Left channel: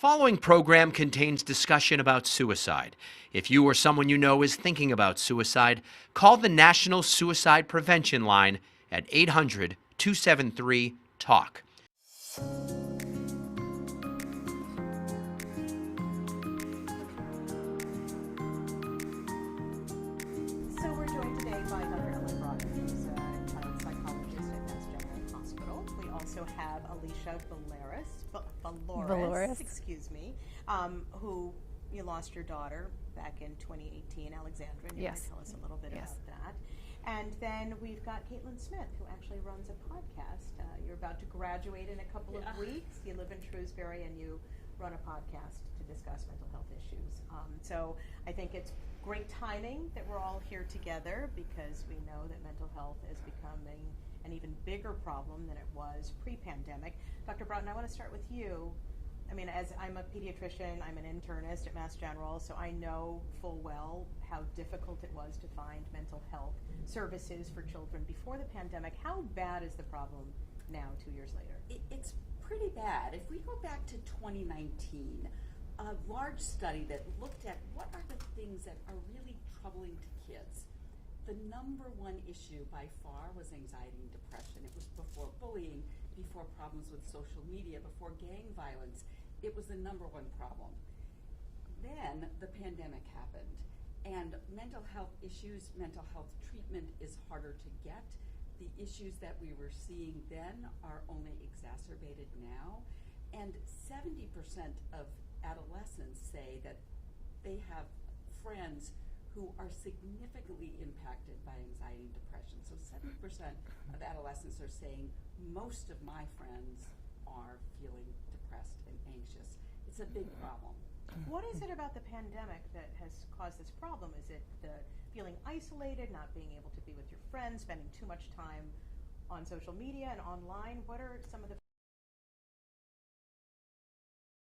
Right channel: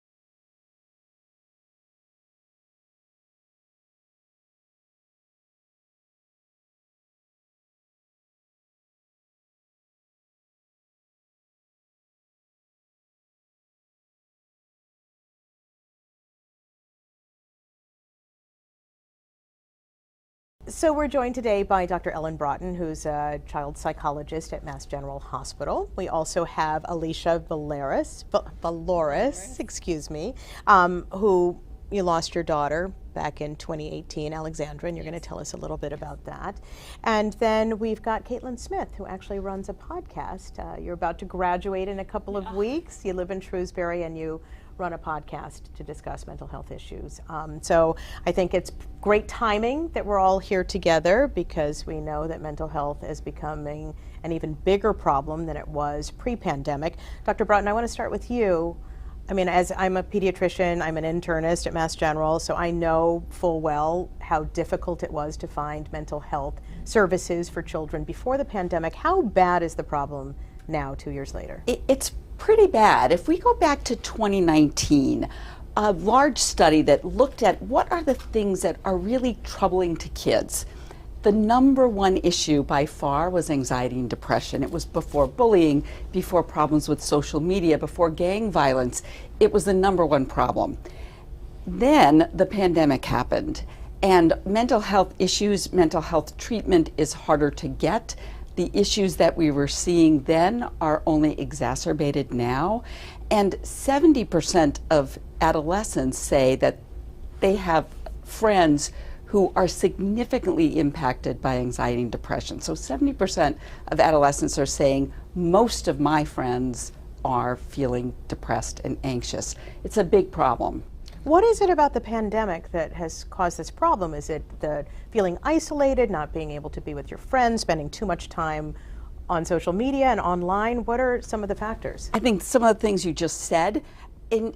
following program contains discussion about suicide. If you or someone you know is thinking about suicide, call the National Suicide Prevention Line at 800-273-TALK. So we're joined today by Dr. Ellen Broughton, who's a child psychologist at Mass General Hospital. We also have Alicia Valoris, who you lost your daughter back in 2018, Alexandra, and you're going to tell us a little bit about that. And then we've got Caitlin Smith, who actually runs a podcast. You're about to graduate in a couple of weeks. You live in Shrewsbury and you run a podcast to discuss mental health issues. So I think it's great timing that we're all here together, because we know that mental health is becoming an even bigger problem than it was pre-pandemic. Dr. Broughton, I want to start with you. I mean, as I'm a pediatrician, I'm an internist at Mass General, so I know full well how difficult it was to find mental health services for children before the pandemic. How bad is the problem now, 2 years later? It's pretty bad. If we go back to 2019, a large study that looked at what are the things that are really troubling to kids. The number one issue by far was anxiety and depression. It was before bullying, before problems with social media, before gang violence. It was the number one problem. Then the pandemic happened, and mental health issues, mental health treatment is harder to get. The issues that we were seeing then are only exacerbated now, and 70% of adolescents say that they have friends who are significantly impacted by anxiety and depression. So 70% of adolescents are saying, most of my friends are feeling depressed and anxious. It's a big problem. What is it about the pandemic that has caused this problem? Is it the feeling isolated, not being able to be with your friends, spending too much time on social media and online? What are some of the factors? I think some of the things you just said,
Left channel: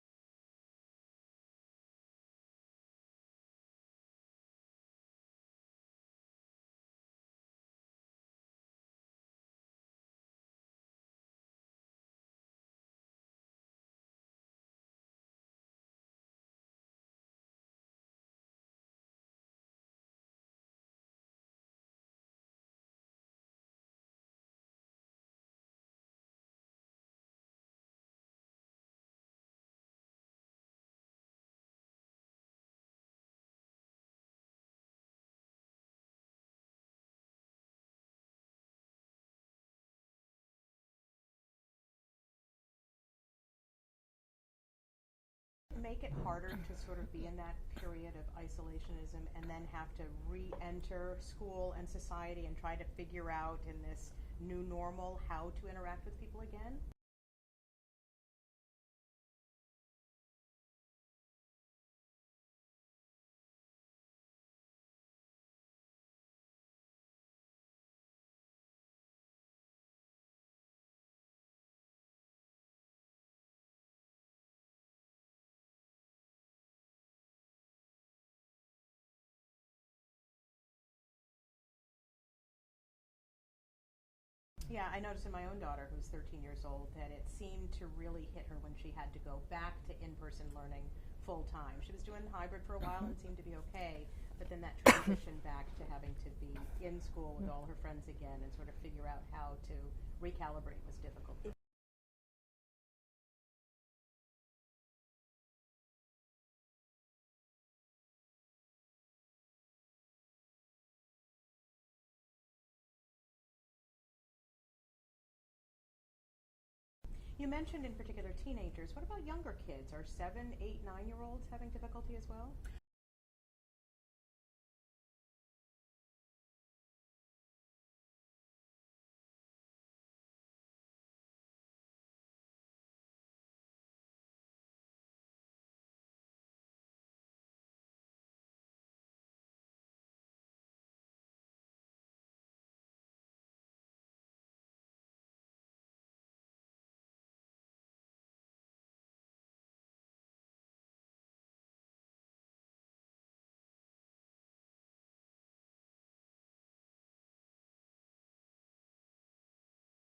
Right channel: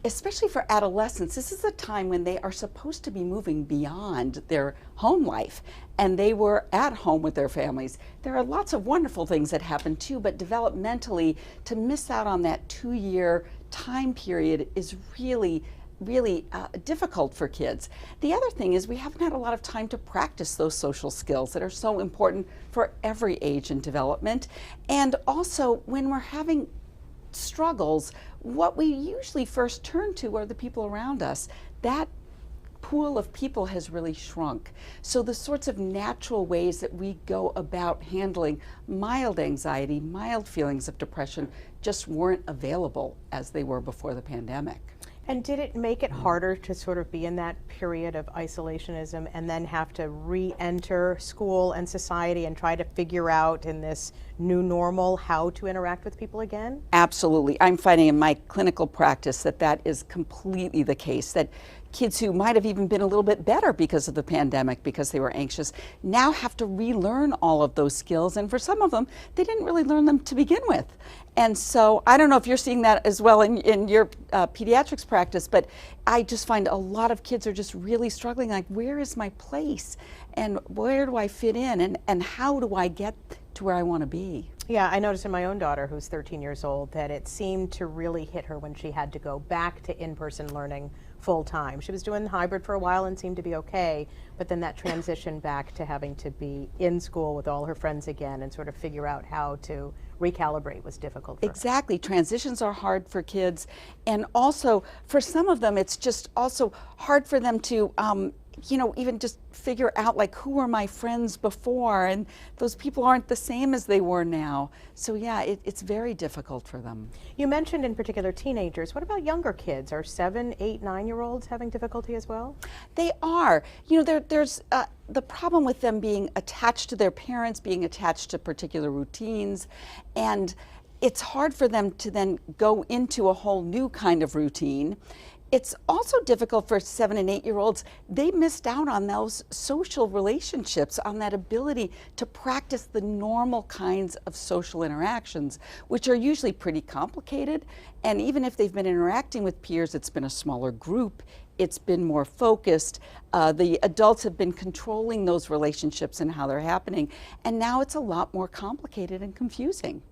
especially for adolescents, this is a time when they are supposed to be moving beyond their home life, and they were at home with their families. There are lots of wonderful things that happen too, but developmentally, to miss out on that 2-year time period is really difficult for kids. The other thing is we haven't had a lot of time to practice those social skills that are so important for every age in development. And also, when we're having struggles, what we usually first turn to are the people around us. That pool of people has really shrunk. So the sorts of natural ways that we go about handling mild anxiety, mild feelings of depression, just weren't available as they were before the pandemic. And did it make it harder to sort of be in that period of isolationism and then have to re-enter school and society and try to figure out in this new normal how to interact with people again? Absolutely. I'm finding in my clinical practice that that is completely the case, that kids who might have even been a little bit better because of the pandemic, because they were anxious, now have to relearn all of those skills. And for some of them, they didn't really learn them to begin with. And so I don't know if you're seeing that as well in your pediatrics practice, but I just find a lot of kids are just really struggling, like, where is my place? And where do I fit in? And how do I get to where I want to be? Yeah, I noticed in my own daughter, who's 13 years old, that it seemed to really hit her when she had to go back to in-person learning full time. She was doing hybrid for a while and seemed to be okay, but then that transition back to having to be in school with all her friends again and sort of figure out how to recalibrate was difficult for her. Exactly. Transitions are hard for kids, and also for some of them it's just also hard for them to even just figure out, like, who were my friends before, and those people aren't the same as they were now. So yeah, it's very difficult for them. You mentioned in particular teenagers. What about younger kids? Are 7, 8, 9-year-olds having difficulty as well? They are. There's the problem with them being attached to their parents, being attached to particular routines, and it's hard for them to then go into a whole new kind of routine. It's also difficult for 7 and 8-year-olds. They missed out on those social relationships, on that ability to practice the normal kinds of social interactions, which are usually pretty complicated. And even if they've been interacting with peers, it's been a smaller group. It's been more focused. The adults have been controlling those relationships and how they're happening. And now it's a lot more complicated and confusing.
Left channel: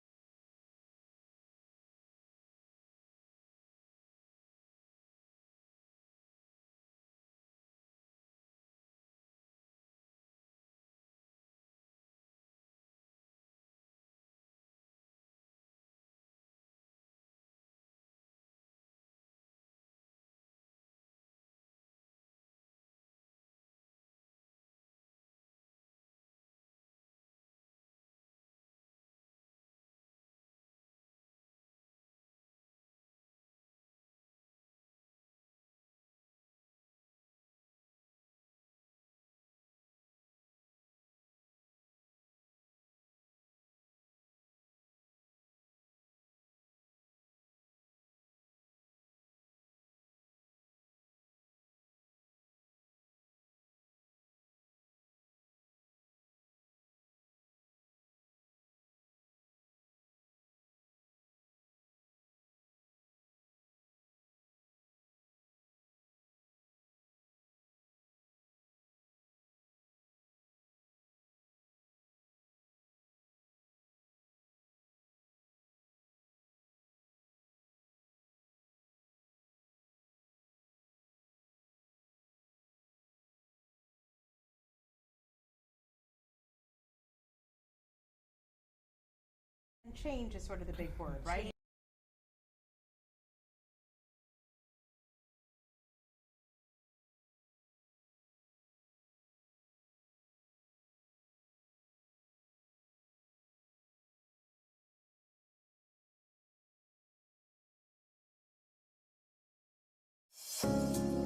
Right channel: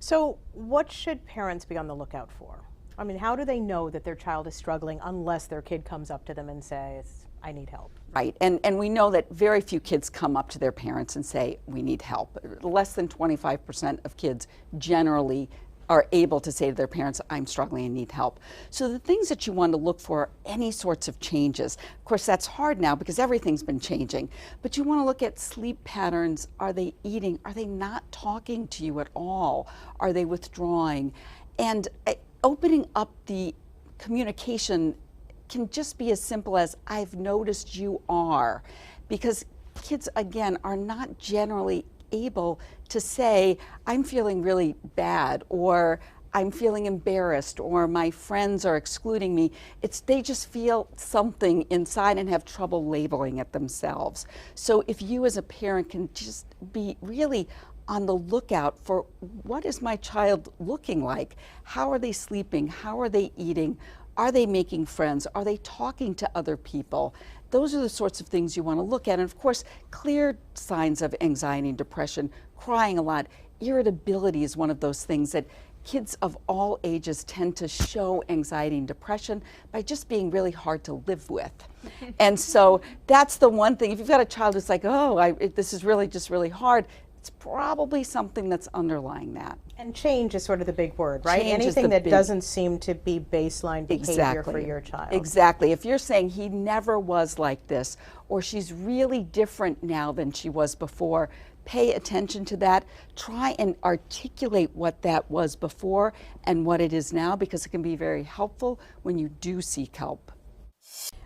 So what should parents be on the lookout for? I mean, how do they know that their child is struggling unless their kid comes up to them and says, I need help? Right, and we know that very few kids come up to their parents and say, we need help. Less than 25% of kids generally are able to say to their parents, I'm struggling and need help. So the things that you want to look for are any sorts of changes. Of course, that's hard now because everything's been changing, but you want to look at sleep patterns. Are they eating? Are they not talking to you at all? Are they withdrawing? And opening up the communication can just be as simple as, I've noticed you are, because kids, again, are not generally able to say, I'm feeling really bad, or I'm feeling embarrassed, or my friends are excluding me. They just feel something inside and have trouble labeling it themselves. So if you as a parent can just be really on the lookout for, what is my child looking like? How are they sleeping? How are they eating? Are they making friends? Are they talking to other people? Those are the sorts of things you want to look at. And of course, clear signs of anxiety and depression, crying a lot, irritability is one of those things that kids of all ages tend to show anxiety and depression by just being really hard to live with. And so that's the one thing. If you've got a child who's like, oh, this is really just really hard, it's probably something that's underlying that. And change is sort of the big word, right? Change is Anything the that big- doesn't seem to be baseline behavior Exactly. for your child. Exactly. If you're saying he never was like this, or she's really different now than she was before, pay attention to that. Try and articulate what that was before and what it is now, because it can be very helpful when you do seek help.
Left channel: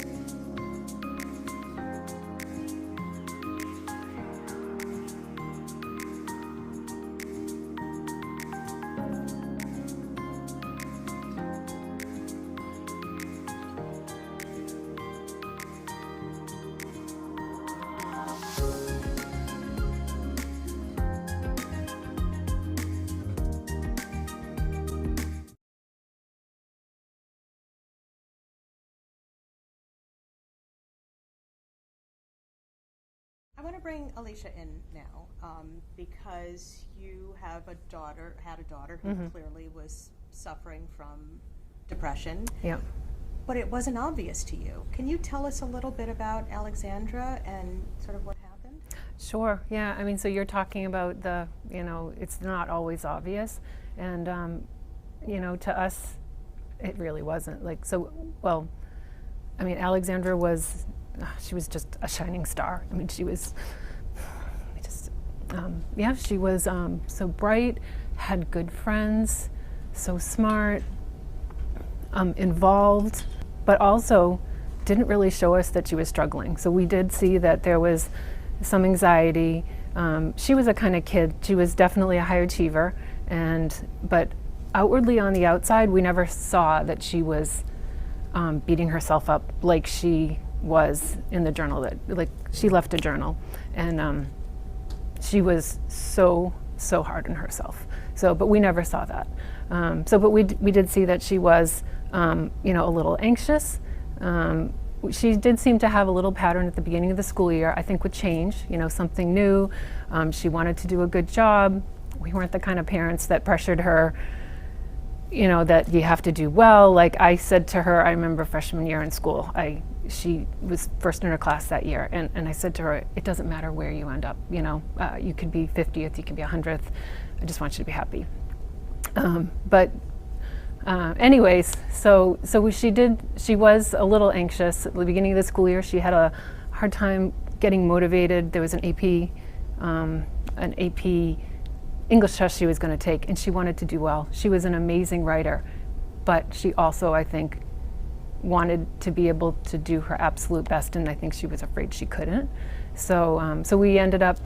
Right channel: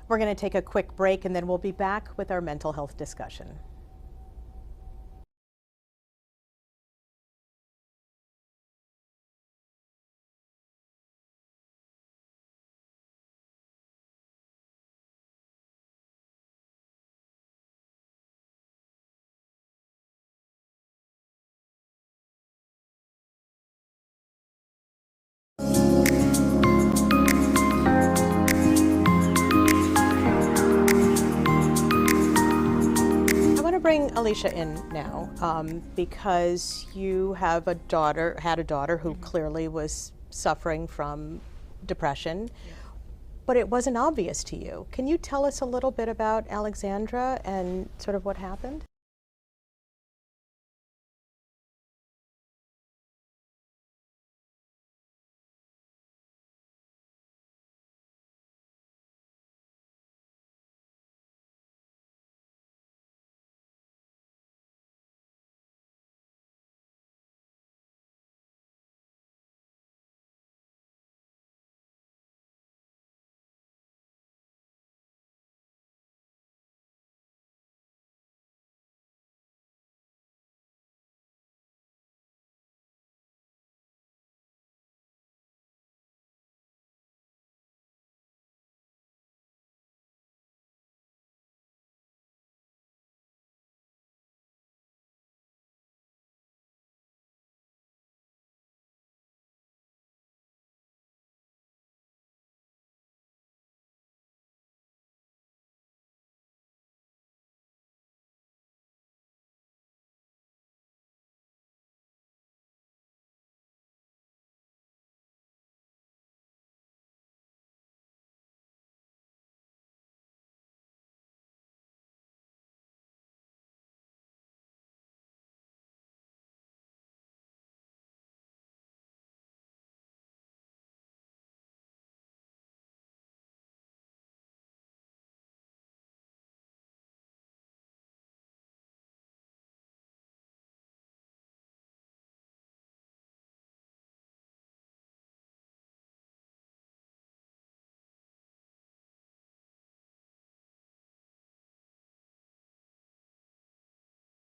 We're going to take a quick break, and then we'll be back with our mental health discussion. Bring Alicia in now because you have had a daughter who clearly was suffering from depression. Yeah. But it wasn't obvious to you. Can you tell us a little bit about Alexandra and sort of what happened? Sure. Yeah. I mean, so you're talking about it's not always obvious, and to us, it really wasn't. Alexandra was. She was just a shining star. I mean, she was she was so bright, had good friends, so smart, involved, but also didn't really show us that she was struggling. So we did see that there was some anxiety. She was a kind of kid. She was definitely a high achiever, but outwardly on the outside, we never saw that she was beating herself up like she was in the journal. That like she left a journal, and she was so hard on herself. So, but we never saw that. But we did see that she was, a little anxious. She did seem to have a little pattern at the beginning of the school year. I think would change. Something new. She wanted to do a good job. We weren't the kind of parents that pressured her. That you have to do well. Like I said to her, I remember freshman year in school, she was first in her class that year, and I said to her, it doesn't matter where you end up, you could be 50th, you could be 100th, I just want you to be happy. Anyways, so she was a little anxious at the beginning of the school year. She had a hard time getting motivated. There was an AP English test she was going to take, and she wanted to do well. She was an amazing writer, but she also, I think, wanted to be able to do her absolute best, and I think she was afraid she couldn't. So we ended up,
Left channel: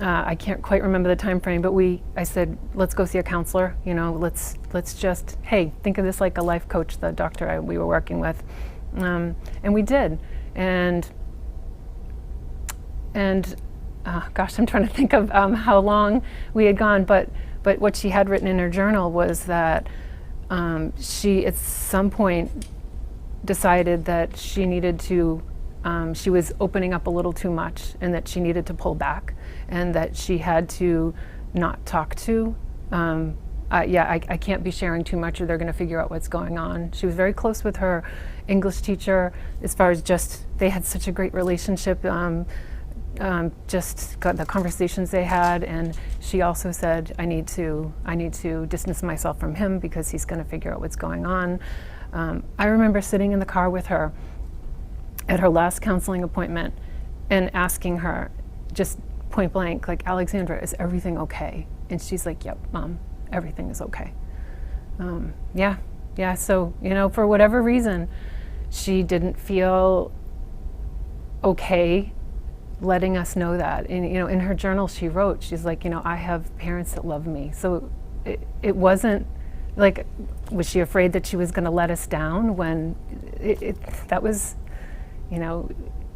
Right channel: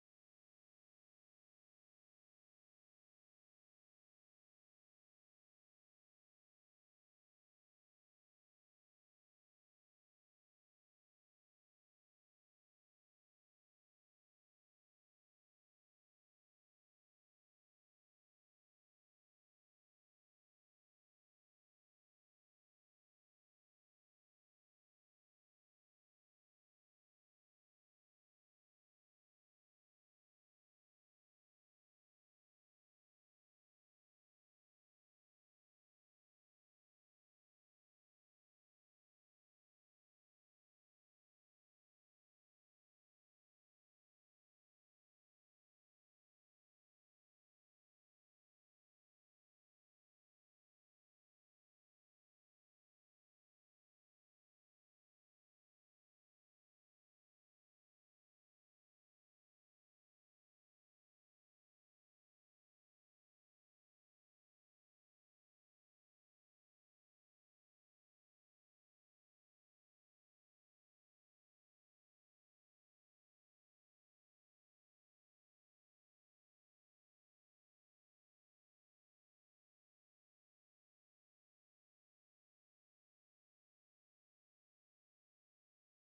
I can't quite remember the time frame, but I said, let's go see a counselor. Let's just, hey, think of this like a life coach, the doctor we were working with, and we did, and gosh, I'm trying to think of how long we had gone, but what she had written in her journal was that she at some point decided that she needed to, she was opening up a little too much, and that she needed to pull back, and that she had to not talk to I can't be sharing too much or they're going to figure out what's going on. She was very close with her English teacher as far as just, they had such a great relationship, just got the conversations they had, and she also said, I need to distance myself from him because he's going to figure out what's going on. I remember sitting in the car with her at her last counseling appointment and asking her, just point blank, like, Alexandra, is everything okay? And she's like, yep, Mom, everything is okay. Yeah, so, you know, for whatever reason, she didn't feel okay letting us know that. And, you know, in her journal she wrote, she's like, you know, I have parents that love me. So it wasn't like, was she afraid that she was going to let us down when that was, you know,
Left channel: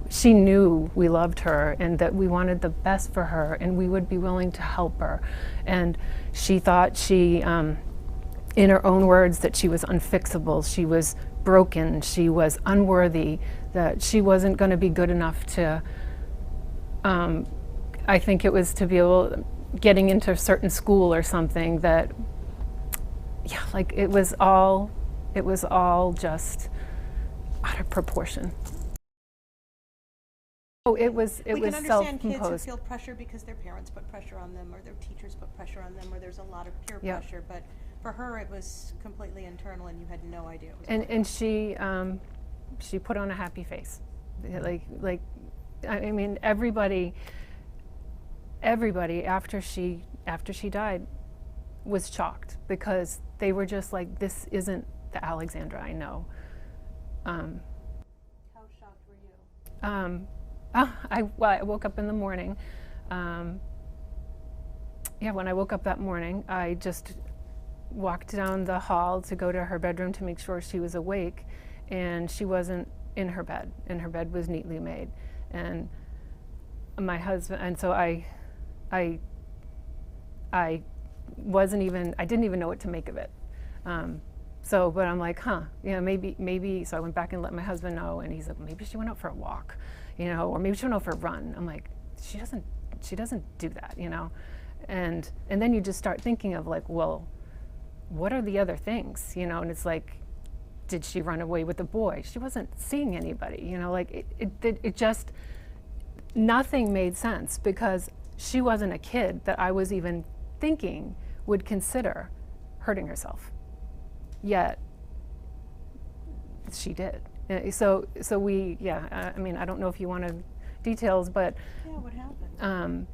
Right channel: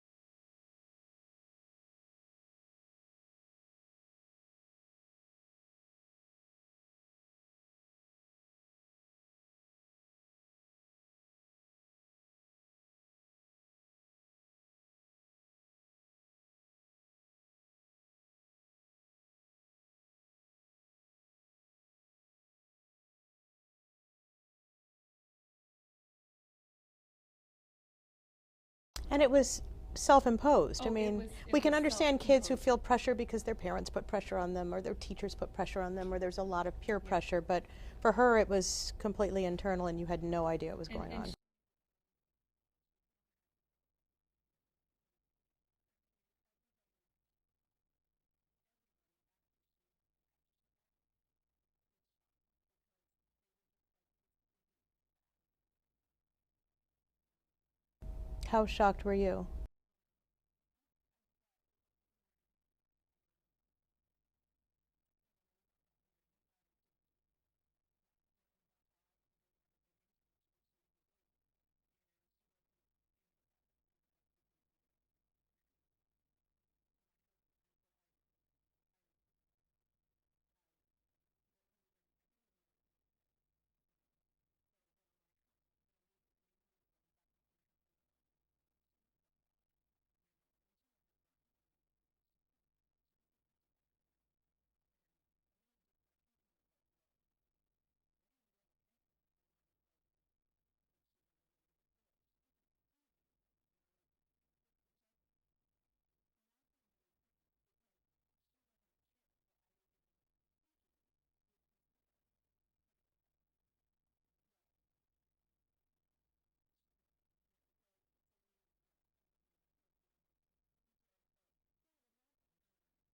she knew we loved her and that we wanted the best for her and we would be willing to help her. And she thought she, in her own words, that she was unfixable, she was broken, she was unworthy, that she wasn't going to be good enough to, I think it was to be able, getting into a certain school or something that, yeah, like it was all just out of proportion. And it was self-imposed. Oh, I mean, it was we can understand kids who self-imposed. feel pressure because their parents put pressure on them or their teachers put pressure on them or there's a lot of peer Yeah. pressure, but for her it was completely internal and you had no idea what was going on. And she put on a happy face. Like I mean, everybody after she died was shocked because they were just like, this isn't the Alexandra I know. How shocked were you? I woke up in the morning. When I woke up that morning, I just walked down the hall to go to her bedroom to make sure she was awake, and she wasn't in her bed, and her bed was neatly made. And my husband, and so I didn't even know what to make of it. But I'm like, maybe, so I went back and let my husband know, and he's like, maybe she went out for a walk, you know, or maybe she went out for a run. I'm like, she doesn't do that, you know? And then you just start thinking of like, well, what are the other things, you know? And it's like, did she run away with the boy? She wasn't seeing anybody, you know, like it just, nothing made sense because she wasn't a kid that I was even thinking would consider hurting herself. Yet she did. So we, I mean, I don't know if you want details, but Yeah, what happened?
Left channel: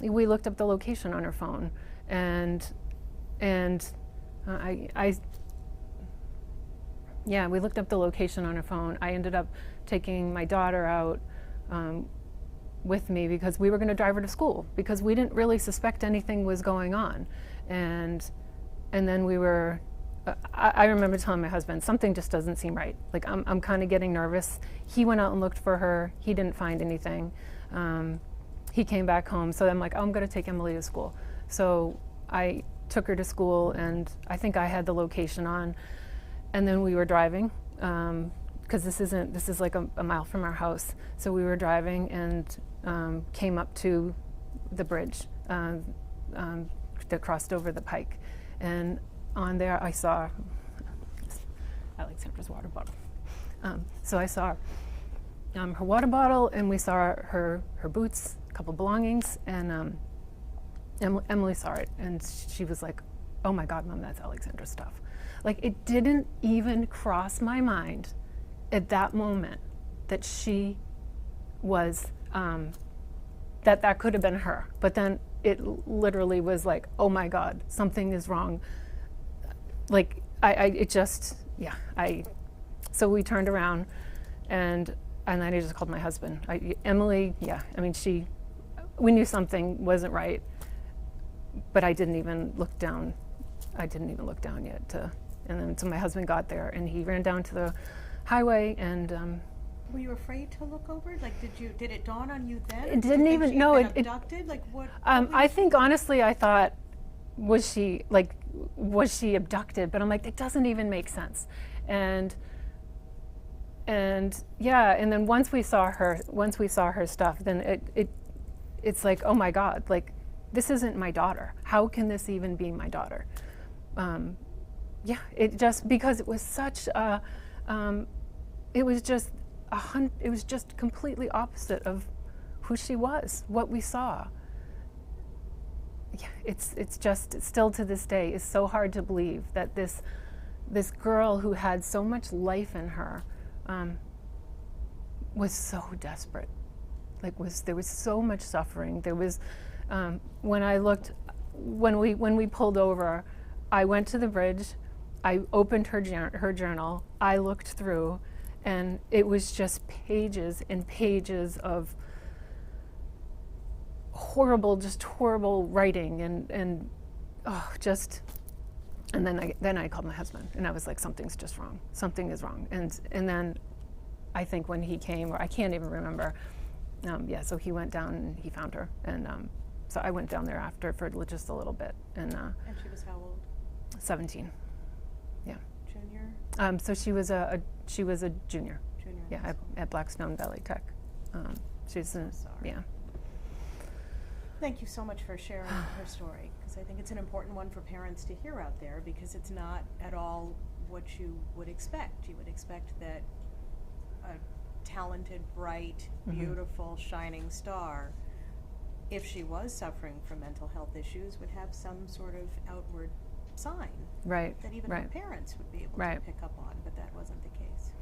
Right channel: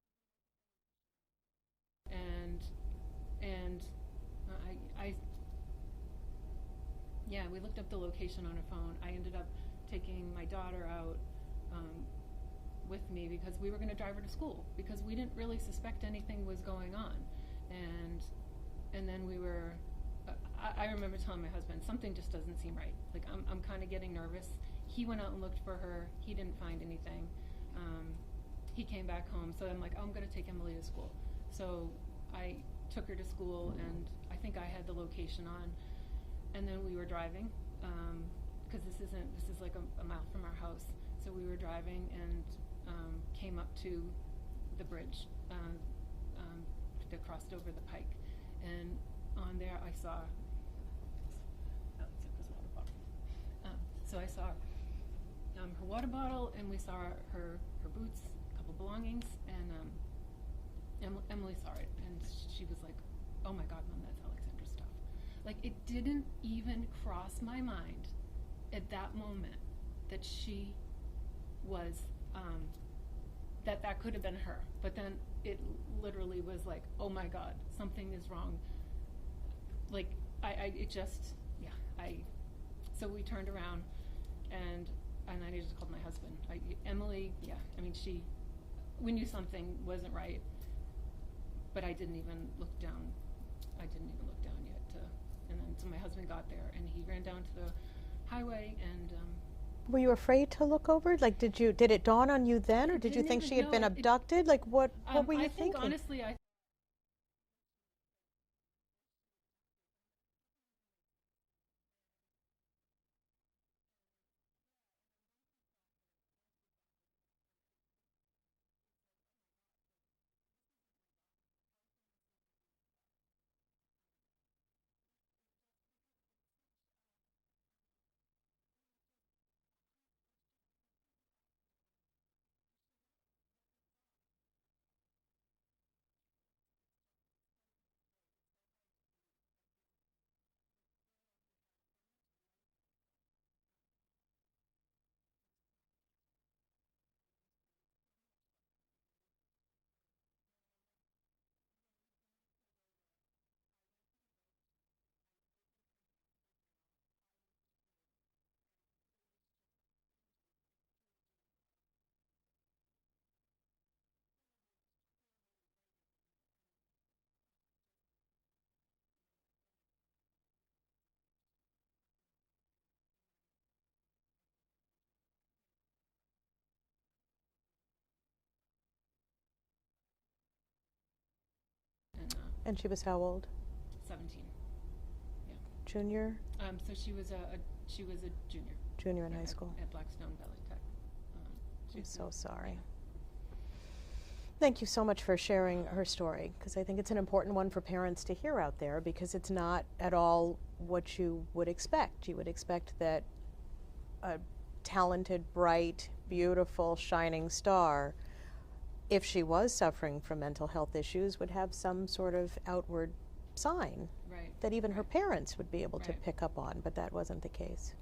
we looked up the location on her phone, and we looked up the location on her phone. I ended up taking my daughter out with me because we were going to drive her to school because we didn't really suspect anything was going on, and then we were. I remember telling my husband, something just doesn't seem right. Like, I'm kind of getting nervous. He went out and looked for her. He didn't find anything. He came back home. So I'm like, I'm going to take Emily to school. So I took her to school, and I think I had the location on. And then we were driving, because this is like a mile from our house. So we were driving and came up to the bridge that crossed over the pike. And on there, I saw Alexandra's water bottle. So I saw her water bottle, and we saw her boots, a couple belongings, and Emily saw it, and she was like, "Oh my God, Mom, that's Alexandra's stuff." Like, it didn't even cross my mind at that moment that she was, that could have been her. But then it literally was like, "Oh my God, something is wrong." Like, so we turned around, and then I just called my husband. Emily, we knew something wasn't right, but I didn't even look down. Yet. And then so my husband got there, and he ran down to the highway, and Were you afraid to look over? Like, did it dawn on you then? It Did didn't you think even- she had no, been it- abducted? Like, what were you I think thinking? honestly, I thought, was she abducted? But I'm like, it doesn't even make sense. And then once we saw her stuff, then it's like, oh my God, like, this isn't my daughter. How can this even be my daughter? yeah, it just, because it was such a, it was just it was just completely opposite of who she was, what we saw. Yeah, it's just, still to this day, is so hard to believe that this girl who had so much life in her was so desperate. Like, there was so much suffering. There was, when we pulled over, I went to the bridge, I opened her journal, I looked through, and it was just pages and pages of horrible writing, and then I called my husband, and I was like, something's just wrong. Something is wrong. And then I think when he came, or I can't even remember, so he went down and he found her, and so I went down there after for just a little bit, and she was how old? 17. Yeah. Junior? So she was a junior. Junior in high school. At Blackstone Valley Tech. She's so sorry. Yeah. Thank you so much for sharing her story, because I think it's an important one for parents to hear out there, because it's not at all what you would expect. You would expect that a talented, bright, beautiful, shining star, if she was suffering from mental health issues, would have some sort of outward sign that even her parents would be able to pick up on, but that wasn't the case.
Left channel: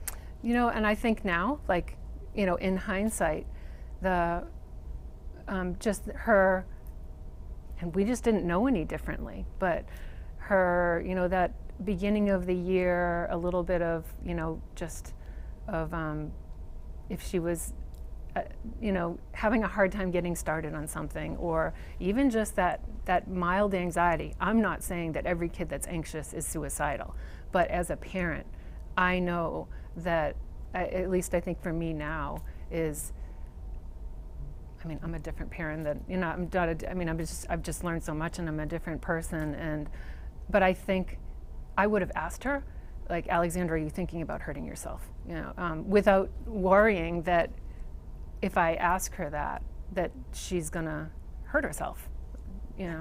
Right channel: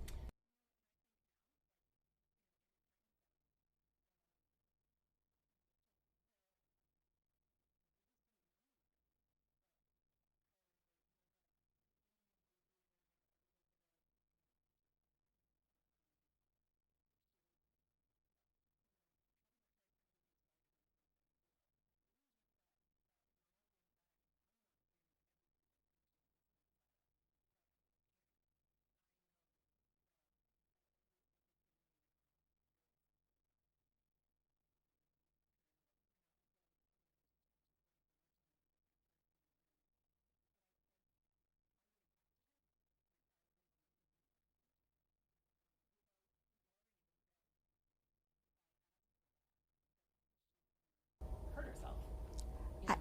And I think now, like, in hindsight, just her, and we just didn't know any differently, but her, that beginning of the year, a little bit of, just of, if she was, having a hard time getting started on something, or even just that mild anxiety. I'm not saying that every kid that's anxious is suicidal, but as a parent, I know that, at least I think for me now, is, I'm a different parent than, I've just learned so much, and I'm a different person, but I think I would have asked her, like, Alexandra, are you thinking about hurting yourself? Without worrying that if I ask her that she's gonna hurt herself. Yeah,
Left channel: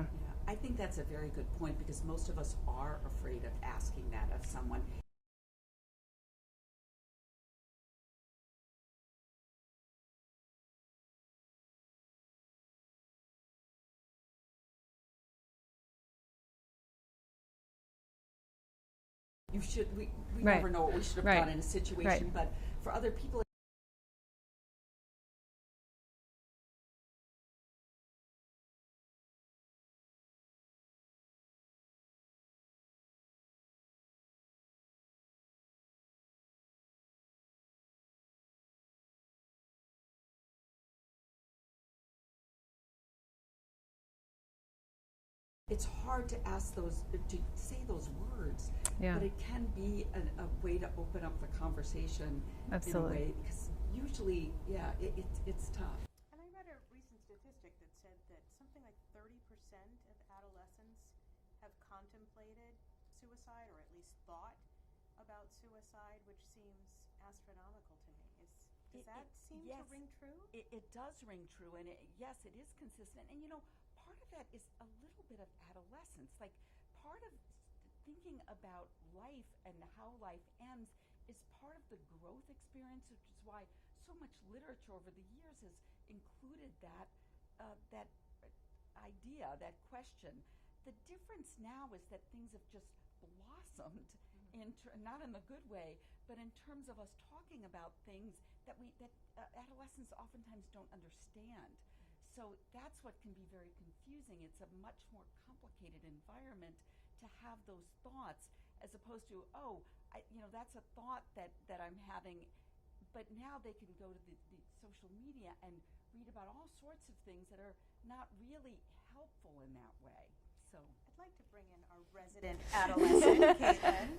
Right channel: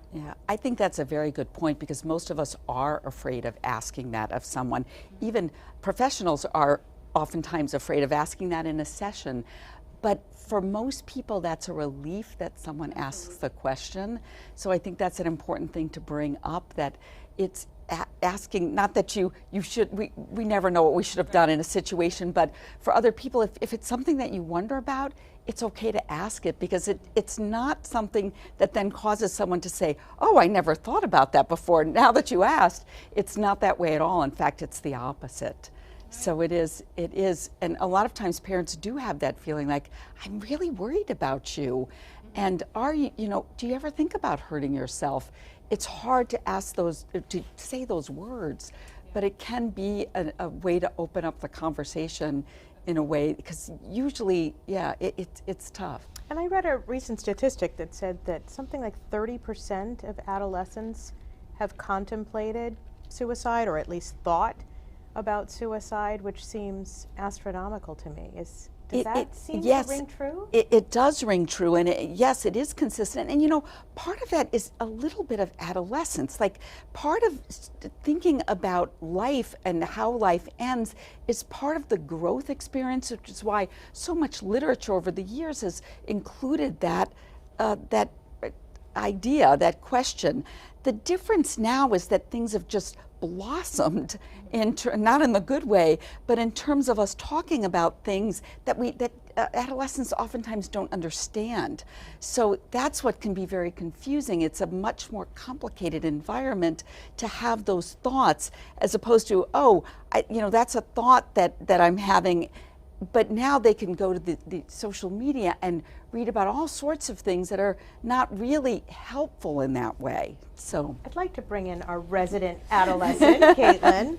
I think that's a very good point, because most of us are afraid of asking that of someone. Even professionals are oftentimes afraid of asking that in a session. But for most people, that's a relief that someone asks the question. So I think that's an important thing to bring up, that it's asking, not that you should, we never know what we should have done in a situation, but for other people, if it's something that you wonder about, it's okay to ask it, because it's not something that then causes someone to say, oh, I never thought about that before. Now that you asked, it's not that way at all. In fact, it's the opposite. So it is, and a lot of times parents do have that feeling like, I'm really worried about you. And are you, do you ever think about hurting yourself? It's hard to ask to say those words, but it can be a way to open up the conversation in a way, because usually, it's tough. And I read a recent statistic that said that something like 30% of adolescents have contemplated suicide, or at least thought about suicide, which seems astronomical to me. Does that seem to ring true? It does ring true, and yes, it is consistent. And part of that is a little bit of adolescence. Like, part of thinking about life and how life ends is part of the growth experience, which is why so much literature over the years has included that idea, that question. The difference now is that things have just blossomed, not in the good way, but in terms of us talking about things that adolescents oftentimes don't understand. So that's what can be very confusing. It's a much more complicated environment to have those thoughts, as opposed to, that's a thought that I'm having. But now they can go to the social media and read about all sorts of things that are not really helpful in that way. So I'd like to bring in our resident adolescent, Caitlin.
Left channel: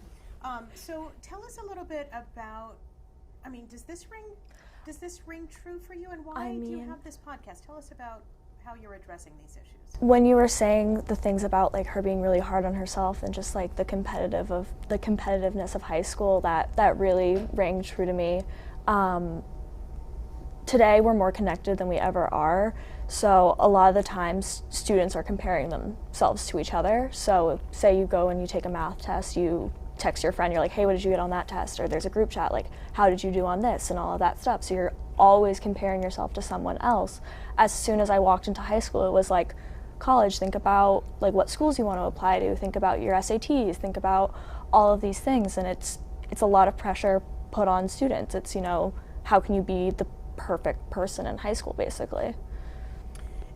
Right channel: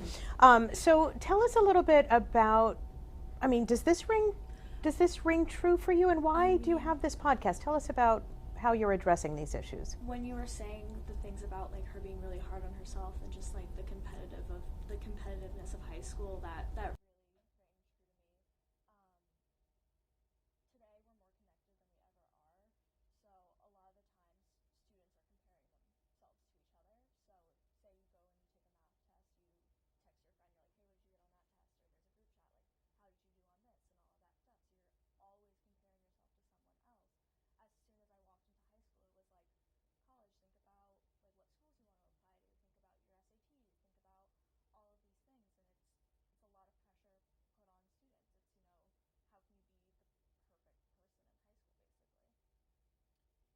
So tell us a little bit about, does this ring true for you, and why do you have this podcast? Tell us about how you're addressing these issues. When you were saying the things about like her being really hard on herself and just like the competitiveness of high school, that really rang true to me. Today we're more connected than we ever are, So a lot of the times students are comparing themselves to each other. So say you go and you take a math test, you text your friend, you're like, hey, what did you get on that test? Or there's a group chat, like, how did you do on this, and all of that stuff. So you're always comparing yourself to someone else. As soon as I walked into high school, it was like, college, think about like what schools you want to apply to, think about your SATs, think about all of these things, and it's a lot of pressure put on students. It's, you know, how can you be the perfect person in high school, basically.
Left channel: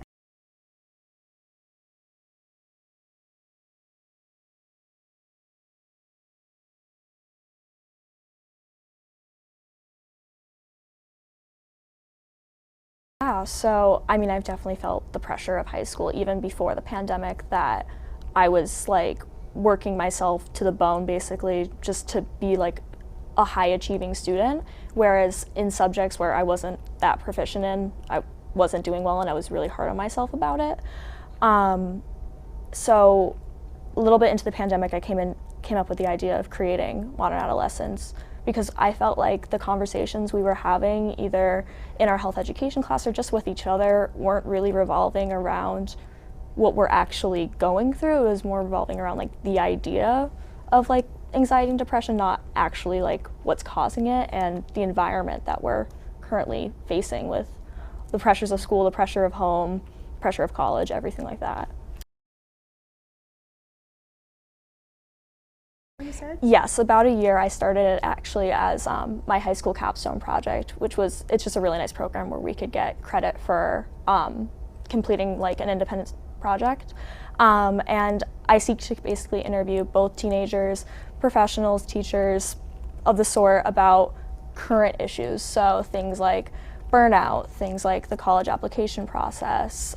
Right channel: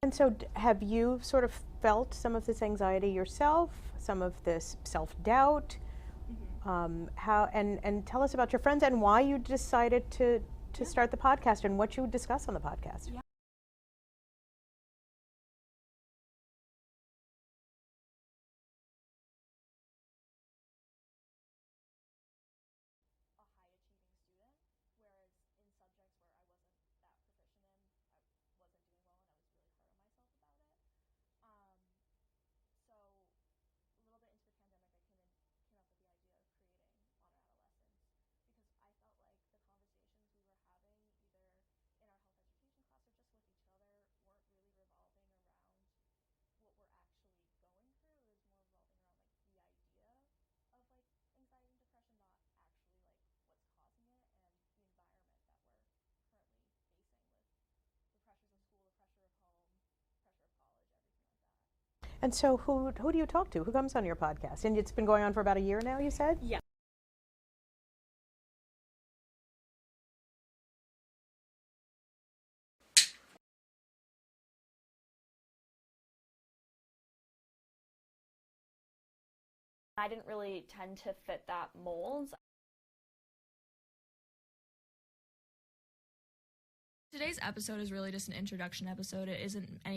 And so have you sort of felt some of this anxiety yourself, some of this self-doubt? How and tell us about your friends and why you decided to start the podcast and what you discuss on the podcast. Yeah, so I mean, I've definitely felt the pressure of high school even before the pandemic, that I was like working myself to the bone basically just to be like a high achieving student, whereas in subjects where I wasn't that proficient in, I wasn't doing well and I was really hard on myself about it. So a little bit into the pandemic, I came up with the idea of creating Modern Adolescence, because I felt like the conversations we were having either in our health education class or just with each other weren't really revolving around what we're actually going through. It was more revolving around like the idea of like anxiety and depression, not actually like what's causing it and the environment that we're currently facing with the pressures of school, the pressure of home, pressure of college, everything like that. And so who do you talk to? Who comes on your podcast? And it's been going on for about a year now, you said? Yes, about a year. I started it actually as my high school capstone project, it's just a really nice program where we could get credit for completing like an independent project. And I seek to basically interview both teenagers, professionals, teachers of the sort about current issues. So things like burnout, things like the college application process.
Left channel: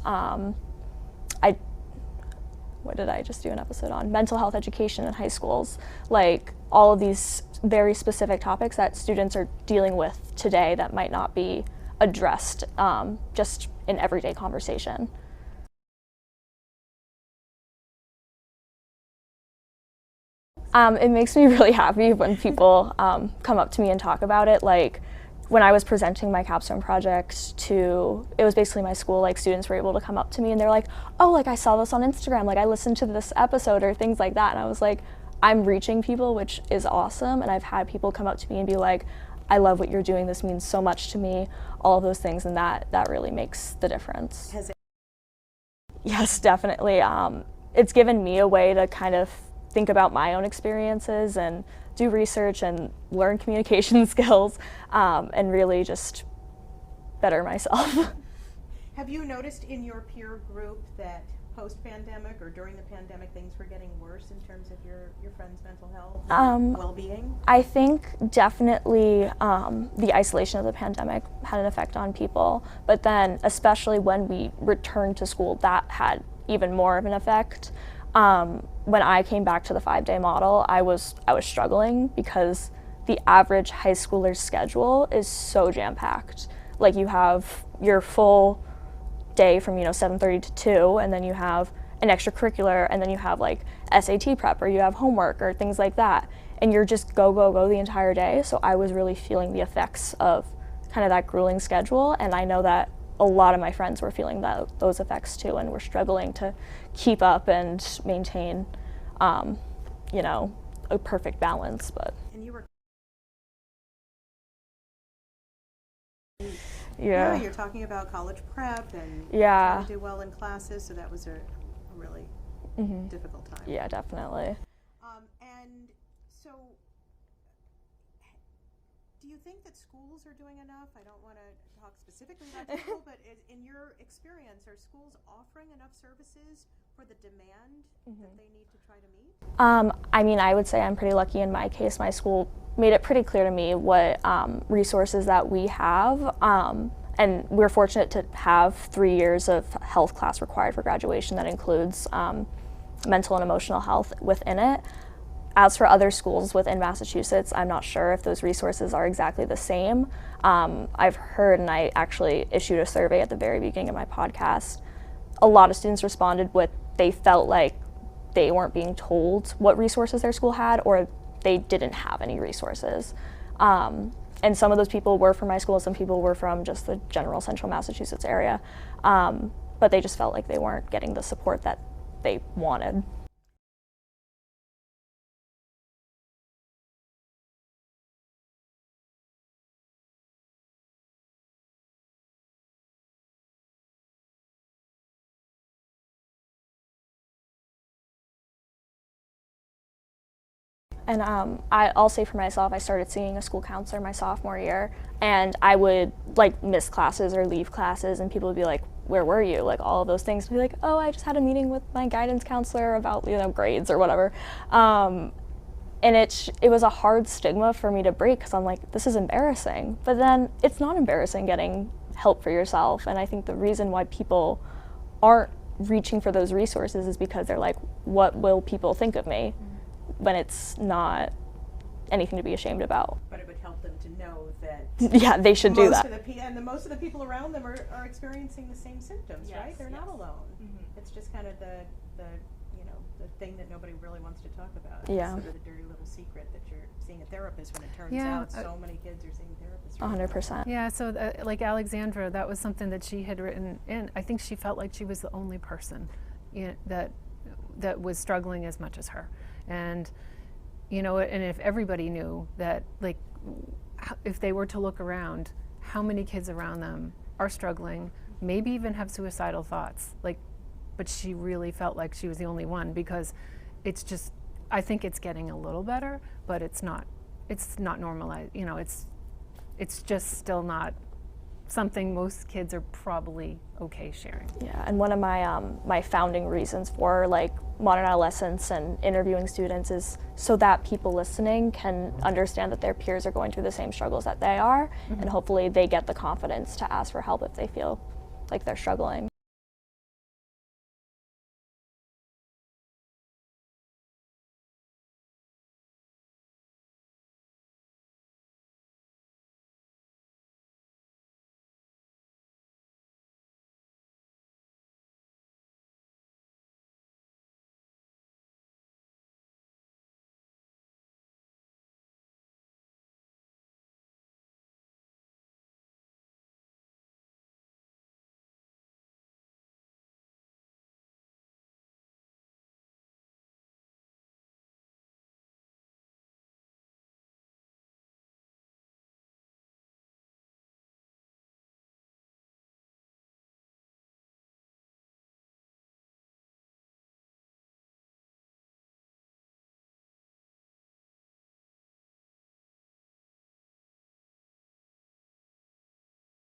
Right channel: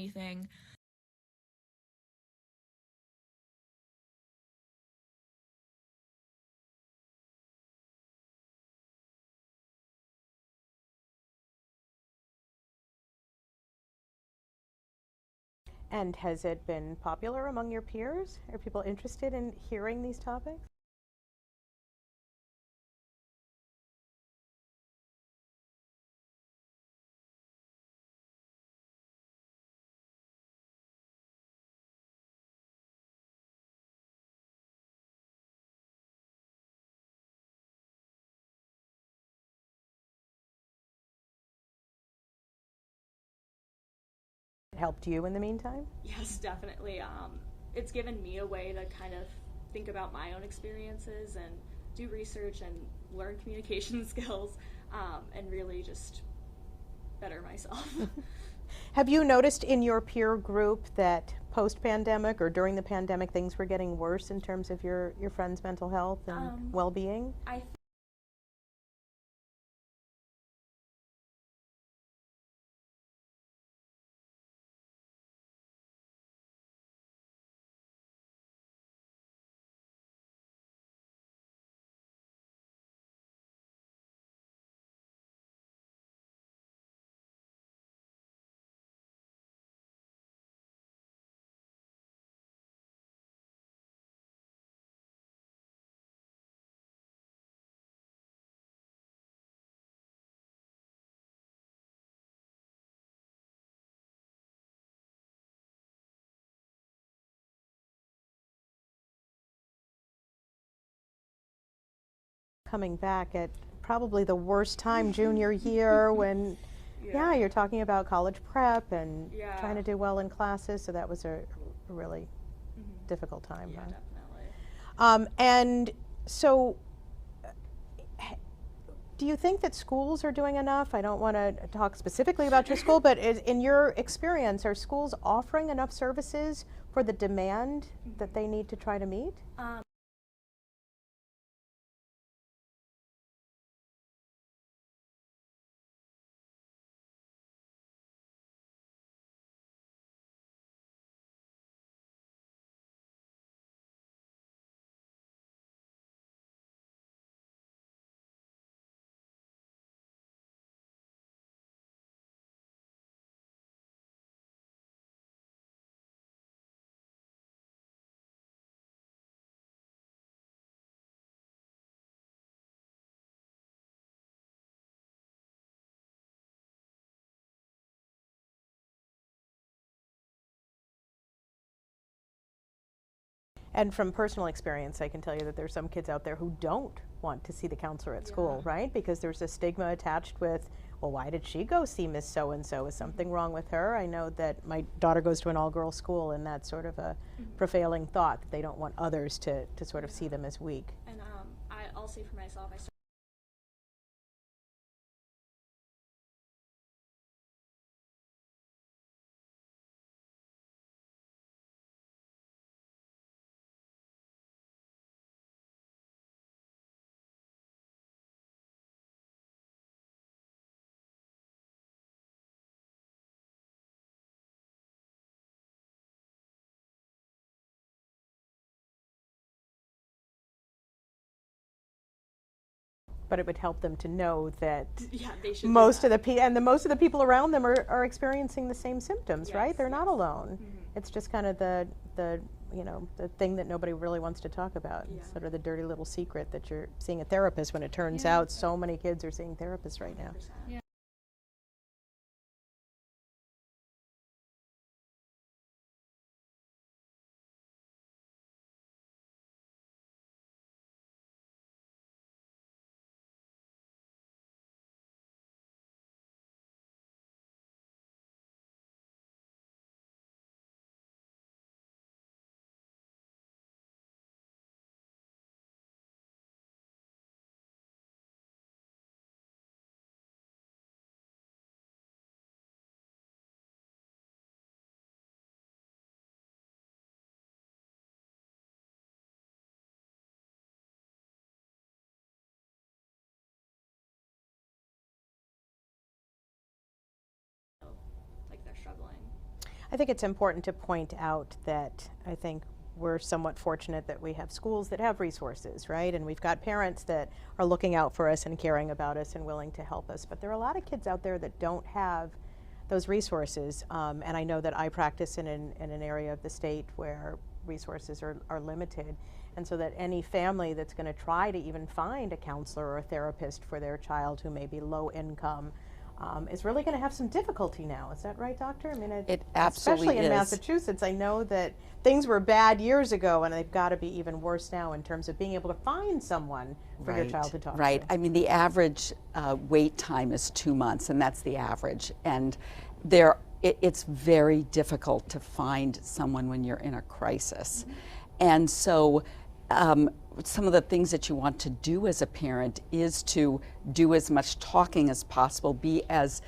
What did I just do an episode on? Mental health education in high schools. Like all of these very specific topics that students are dealing with today that might not be addressed just in everyday conversation. And has it been popular among your peers? Are people interested in hearing these topics? It makes me really happy when people come up to me and talk about it. Like when I was presenting my capstone project it was basically my school, like students were able to come up to me and they're like, oh, like I saw this on Instagram, like I listened to this episode or things like that. And I was like, I'm reaching people, which is awesome. And I've had people come up to me and be like, I love what you're doing, this means so much to me, all of those things, and that really makes the difference. Has it helped you in the meantime? Yes, definitely. It's given me a way to kind of think about my own experiences and do research and learn communication skills and really just better myself. Have you noticed in your peer group that post-pandemic or during the pandemic things were getting worse in terms of your friends' mental health and well-being? I think definitely the isolation of the pandemic had an effect on people, but then especially when we returned to school, that had even more of an effect. When I came back to the 5-day model, I was struggling because the average high schooler's schedule is so jam-packed. Like you have your full day from 7:30 to 2, and then you have an extracurricular, and then you have like SAT prep, or you have homework or things like that, and you're just go the entire day. So I was really feeling the effects of kind of that grueling schedule, and I know that a lot of my friends were feeling those effects too, and were struggling to keep up and maintain a perfect balance. But and you were coming back at probably the worst time, junior year, when you're talking about college prep and trying to do well in classes, so that was a really difficult time. Yeah, definitely. And so do you think that schools are doing enough? I don't want to talk specifically about your school, but in your experience, are schools offering enough services for the demand that they need to try to meet? I mean, I would say I'm pretty lucky in my case. My school made it pretty clear to me what resources that we have, and we're fortunate to have 3 years of health class required for graduation that includes mental and emotional health within it. As for other schools within Massachusetts, I'm not sure if those resources are exactly the same. I've heard, and I actually issued a survey at the very beginning of my podcast, a lot of students responded with they felt like they weren't being told what resources their school had, or they didn't have any resources. And some of those people were from my school, some people were from just the general central Massachusetts area. But they just felt like they weren't getting the support that they wanted. And from personal experience, I can tell you that there's some kids out there who don't want to see the counselor at school, right? Because there's a stigma attached with, well, why did she go see Miss So-and-so? Is something wrong with her? I know that my daughter goes to an all-girls school, and that's sort of a prevailing thought that they don't want others to sort of see them as weak. And I'll say for myself, I started seeing a school counselor my sophomore year, and I would like miss classes or leave classes, and people would be like, where were you? Like all of those things. I'd be like, oh, I just had a meeting with my guidance counselor about, you know, grades or whatever. And it was a hard stigma for me to break, because I'm like, this is embarrassing. But then it's not embarrassing getting help for yourself. And I think the reason why people aren't reaching for those resources is because they're like, what will people think of me? When it's not anything to be ashamed about. But it would help them to know that yeah, they should do that. Most of the people around them are experiencing the same symptoms, right? They're not alone. It's just kind of the you know, the thing that nobody really wants to talk about. Yeah. It's sort of the dirty little secret that you're seeing a therapist when it turns out so many kids are seeing therapists right now. 100%. Yeah, so like Alexandra, that was something that she had written in. I think she felt like she was the only person that was struggling as much as her. And, you know, and if everybody knew that, like, if they were to look around, how many kids around them are struggling, maybe even have suicidal thoughts, like, but she really felt like she was the only one, because it's just, I think it's getting a little better, but it's not normalized, you know, it's just still not something most kids are probably okay sharing. Yeah, and one of my my founding reasons for like modern adolescence and interviewing students is so that people listening can understand that their peers are going through the same struggles that they are, and hopefully they get the confidence to ask for help if they feel like they're struggling. I think it's important to point out that I think we're somewhat fortunate that we have schools that have resources, right? And we've got parents that are looking out for us and caring about us and willing to help us. But there are a lot of kids out there that don't have those resources. And I know that I practice in an area of the state where resources are limited. And so that any family that's going to try to even find a counselor or a therapist for their child who may be low income is really going to have some difficulty now. Is that right, Doctor? I mean, it absolutely especially in is. Massachusetts, I know that things were bad years ago, and they've got to be even worse now in terms of being able to find someone for your child to talk to. Right. I mean, the average wait time is 2 months, and that's the average. And it's very difficult to find someone when you're in a crisis. And so some of the things that you want to do as a parent is to do as much talking as possible, be as